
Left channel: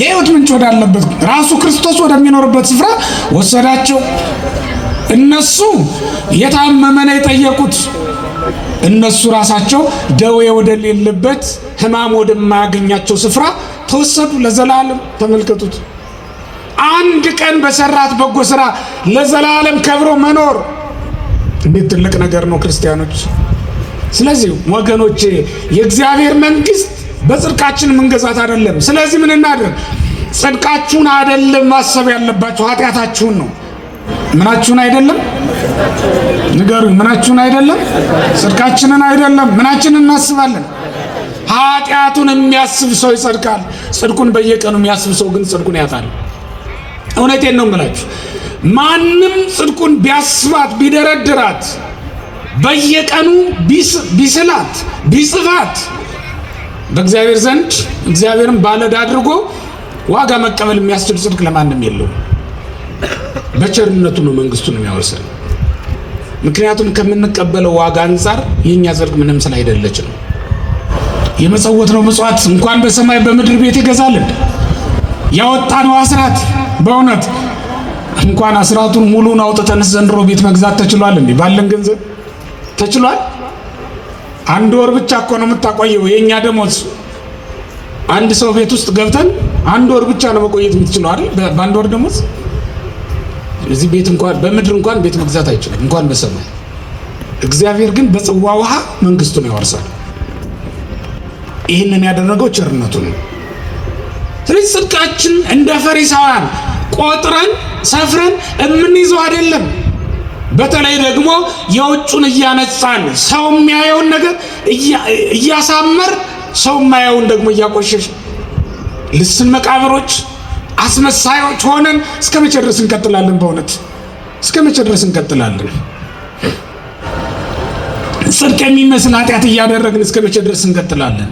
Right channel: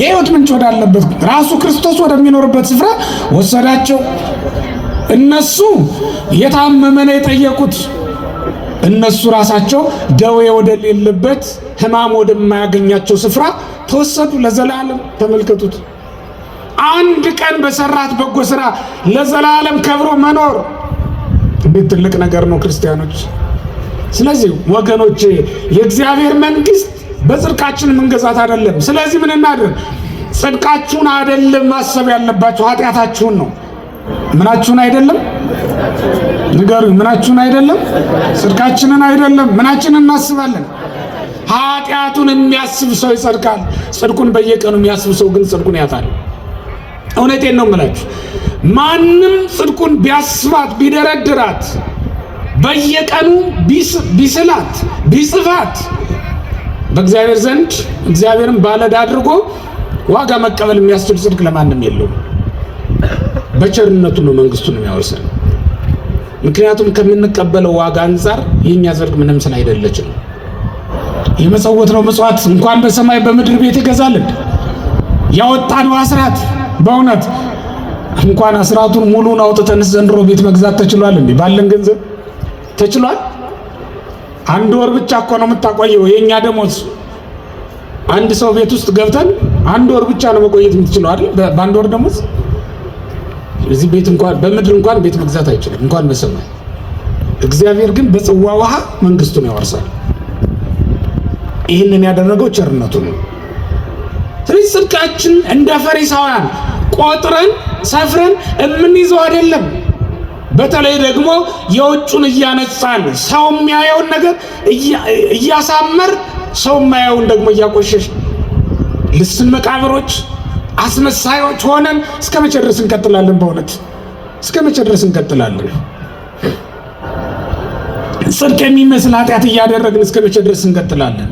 የሕይወት ምንጭ ወዳለበት ራሱ ክርስቶስ ወደሚኖርበት ስፍራ ወሰዳቸው። እነሱ የታመመ ነው የጠየቁት። እነሱ ራሳቸው ደዌ ወደሌለበት ሕማም ወደማያገኛቸው ስፍራ ተወሰዱ ለዘላለም። ተመልከቱት። አንድ ቀን በሰራት በጎ ስራ ለዘላለም ከብሮ መኖር እንዴት ትልቅ ነገር ነው! ክርስቲያኖች ስለዚህ ወገኖች የእግዚአብሔር መንግስት በጽድቃችን መንገዛት አይደለም። ስለዚህ ምን እናድርግ? ጽድቃችሁን አይደለም ማሰብ ያለባችሁ፣ ኃጢአታችሁን ነው። ምናችሁን አይደለም ንገሩ። ምናችሁን አይደለም? ጽድቃችንን አይደለም። ምናችንን እናስባለን? ኃጢአቱን የሚያስብ ሰው ይጸድቃል። ጽድቁን በየቀኑ የሚያስብ ሰው ግን ጽድቁን ያጣል። እውነቴን ነው የምላችሁ። ማንም ጽድቁን ቢያስባት ቢደረድራት በየቀኑ ቢስላት ቢጽፋት በእግዚአብሔር ዘንድ እግዚአብሔርን ባለዕዳ አድርጎ ዋጋ መቀበል የሚያስችል ጽድቅ ለማንም የለውም። በቸርነቱ ነው መንግስቱን የሚያወርሰን። ምክንያቱም ከምንቀበለው ዋጋ አንጻር የኛ ጽድቅ ምንም ስላይደለች ነው። የመጸወት ነው ምጽዋት እንኳን በሰማይ በምድር ቤት ይገዛልን። ያወጣነው አስራት በእውነት እንኳን አስራቱን ሙሉን አውጥተን ዘንድሮ ቤት መግዛት ተችሏል እንዴ? ባለን ገንዘብ ተችሏል? አንድ ወር ብቻ እኮ ነው የምታቆየው የኛ ደሞዝ። አንድ ሰው ቤት ውስጥ ገብተን አንድ ወር ብቻ ነው መቆየት የምትችለው አይደል? በአንድ ወር ደሞዝ እዚህ ቤት እንኳን በምድር እንኳን ቤት መግዛት አይችልም፣ እንኳን በሰማይ። እግዚአብሔር ግን በጽዋ ውሃ መንግስቱን ያወርሳል። ይህንን ያደረገው ቸርነቱ ነው። ስለዚህ ጽድቃችን እንደ ፈሪሳውያን ቆጥረን ሰፍረን የምንይዘው አይደለም። በተለይ ደግሞ የውጩን እያነጻን ሰው የሚያየውን ነገር እያሳመር ሰው የማያየውን ደግሞ እያቆሸሽ ልስን መቃብሮች አስመሳዮች ሆነን እስከ መቼ ድረስ እንቀጥላለን? በእውነት እስከ መቼ ድረስ እንቀጥላለን? ጽድቅ የሚመስል ኃጢአት እያደረግን እስከ መቼ ድረስ እንቀጥላለን?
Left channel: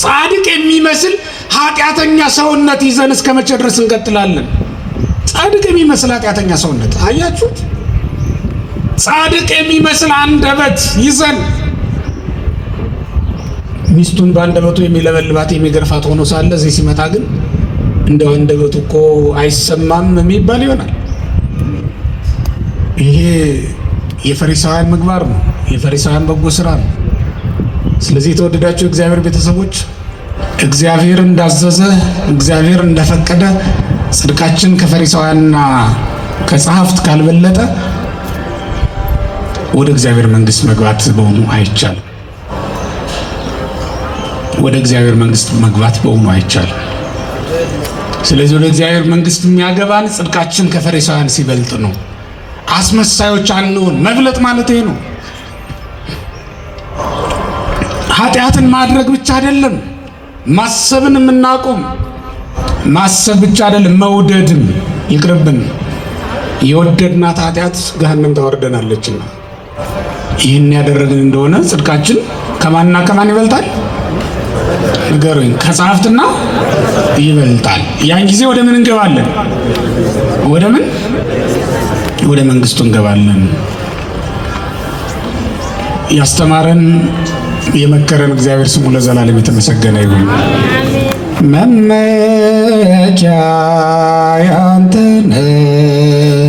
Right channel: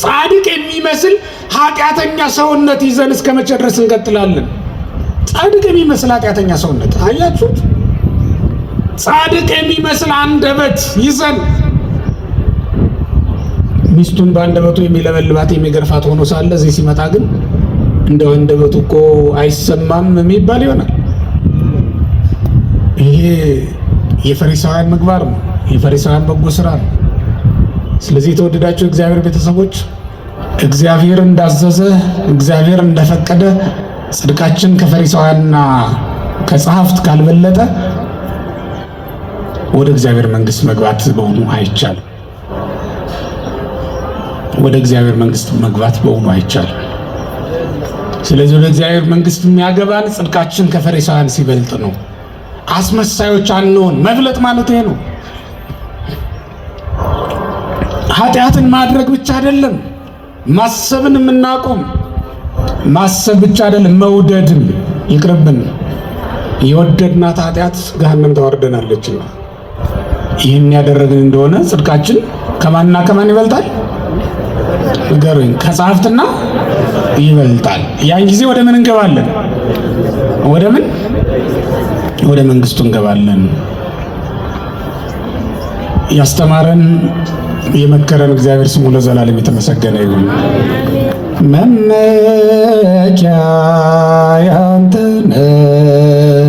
ጻድቅ የሚመስል ኃጢአተኛ ሰውነት ይዘን እስከ መቼ ድረስ እንቀጥላለን? ጻድቅ የሚመስል ኃጢአተኛ ሰውነት አያችሁት? ጻድቅ የሚመስል አንደበት ይዘን ሚስቱን በአንደበቱ የሚለበልባት የሚገርፋት ሆኖ ሳለ እዚህ ሲመጣ ግን እንደው አንደበቱ እኮ አይሰማም የሚባል ይሆናል። ይሄ የፈሪሳውያን ምግባር ነው፣ የፈሪሳውያን በጎ ስራ ነው። ስለዚህ የተወደዳችሁ እግዚአብሔር ቤተሰቦች እግዚአብሔር እንዳዘዘ እግዚአብሔር እንደፈቀደ ጽድቃችን ከፈሪሳውያንና ከጸሐፍት ካልበለጠ ወደ እግዚአብሔር መንግስት መግባት በእውኑ አይቻልም። ወደ እግዚአብሔር መንግስት መግባት በእውኑ አይቻልም። ስለዚህ ወደ እግዚአብሔር መንግስት የሚያገባን ጽድቃችን ከፈሪሳውያን ሲበልጥ ነው። አስመሳዮች አንሆን። መብለጥ ማለት ይሄ ነው። ኃጢአትን ማድረግ ብቻ አይደለም፣ ማሰብን የምናቆም። ማሰብ ብቻ አይደለም፣ መውደድም ይቅርብን። የወደድናት ኃጢአት ገሃነም ታወርደናለችና ይህን ያደረግን እንደሆነ ጽድቃችን ከማንና ከማን ይበልጣል? ንገሩኝ። ከጸሐፍትና ይበልጣል። ያን ጊዜ ወደ ምን እንገባለን? ወደ ምን? ወደ መንግስቱ እንገባለን። ያስተማረን የመከረን እግዚአብሔር ስሙ ለዘላለም የተመሰገነ ይሁን። መመኪያ ያንተ ነህ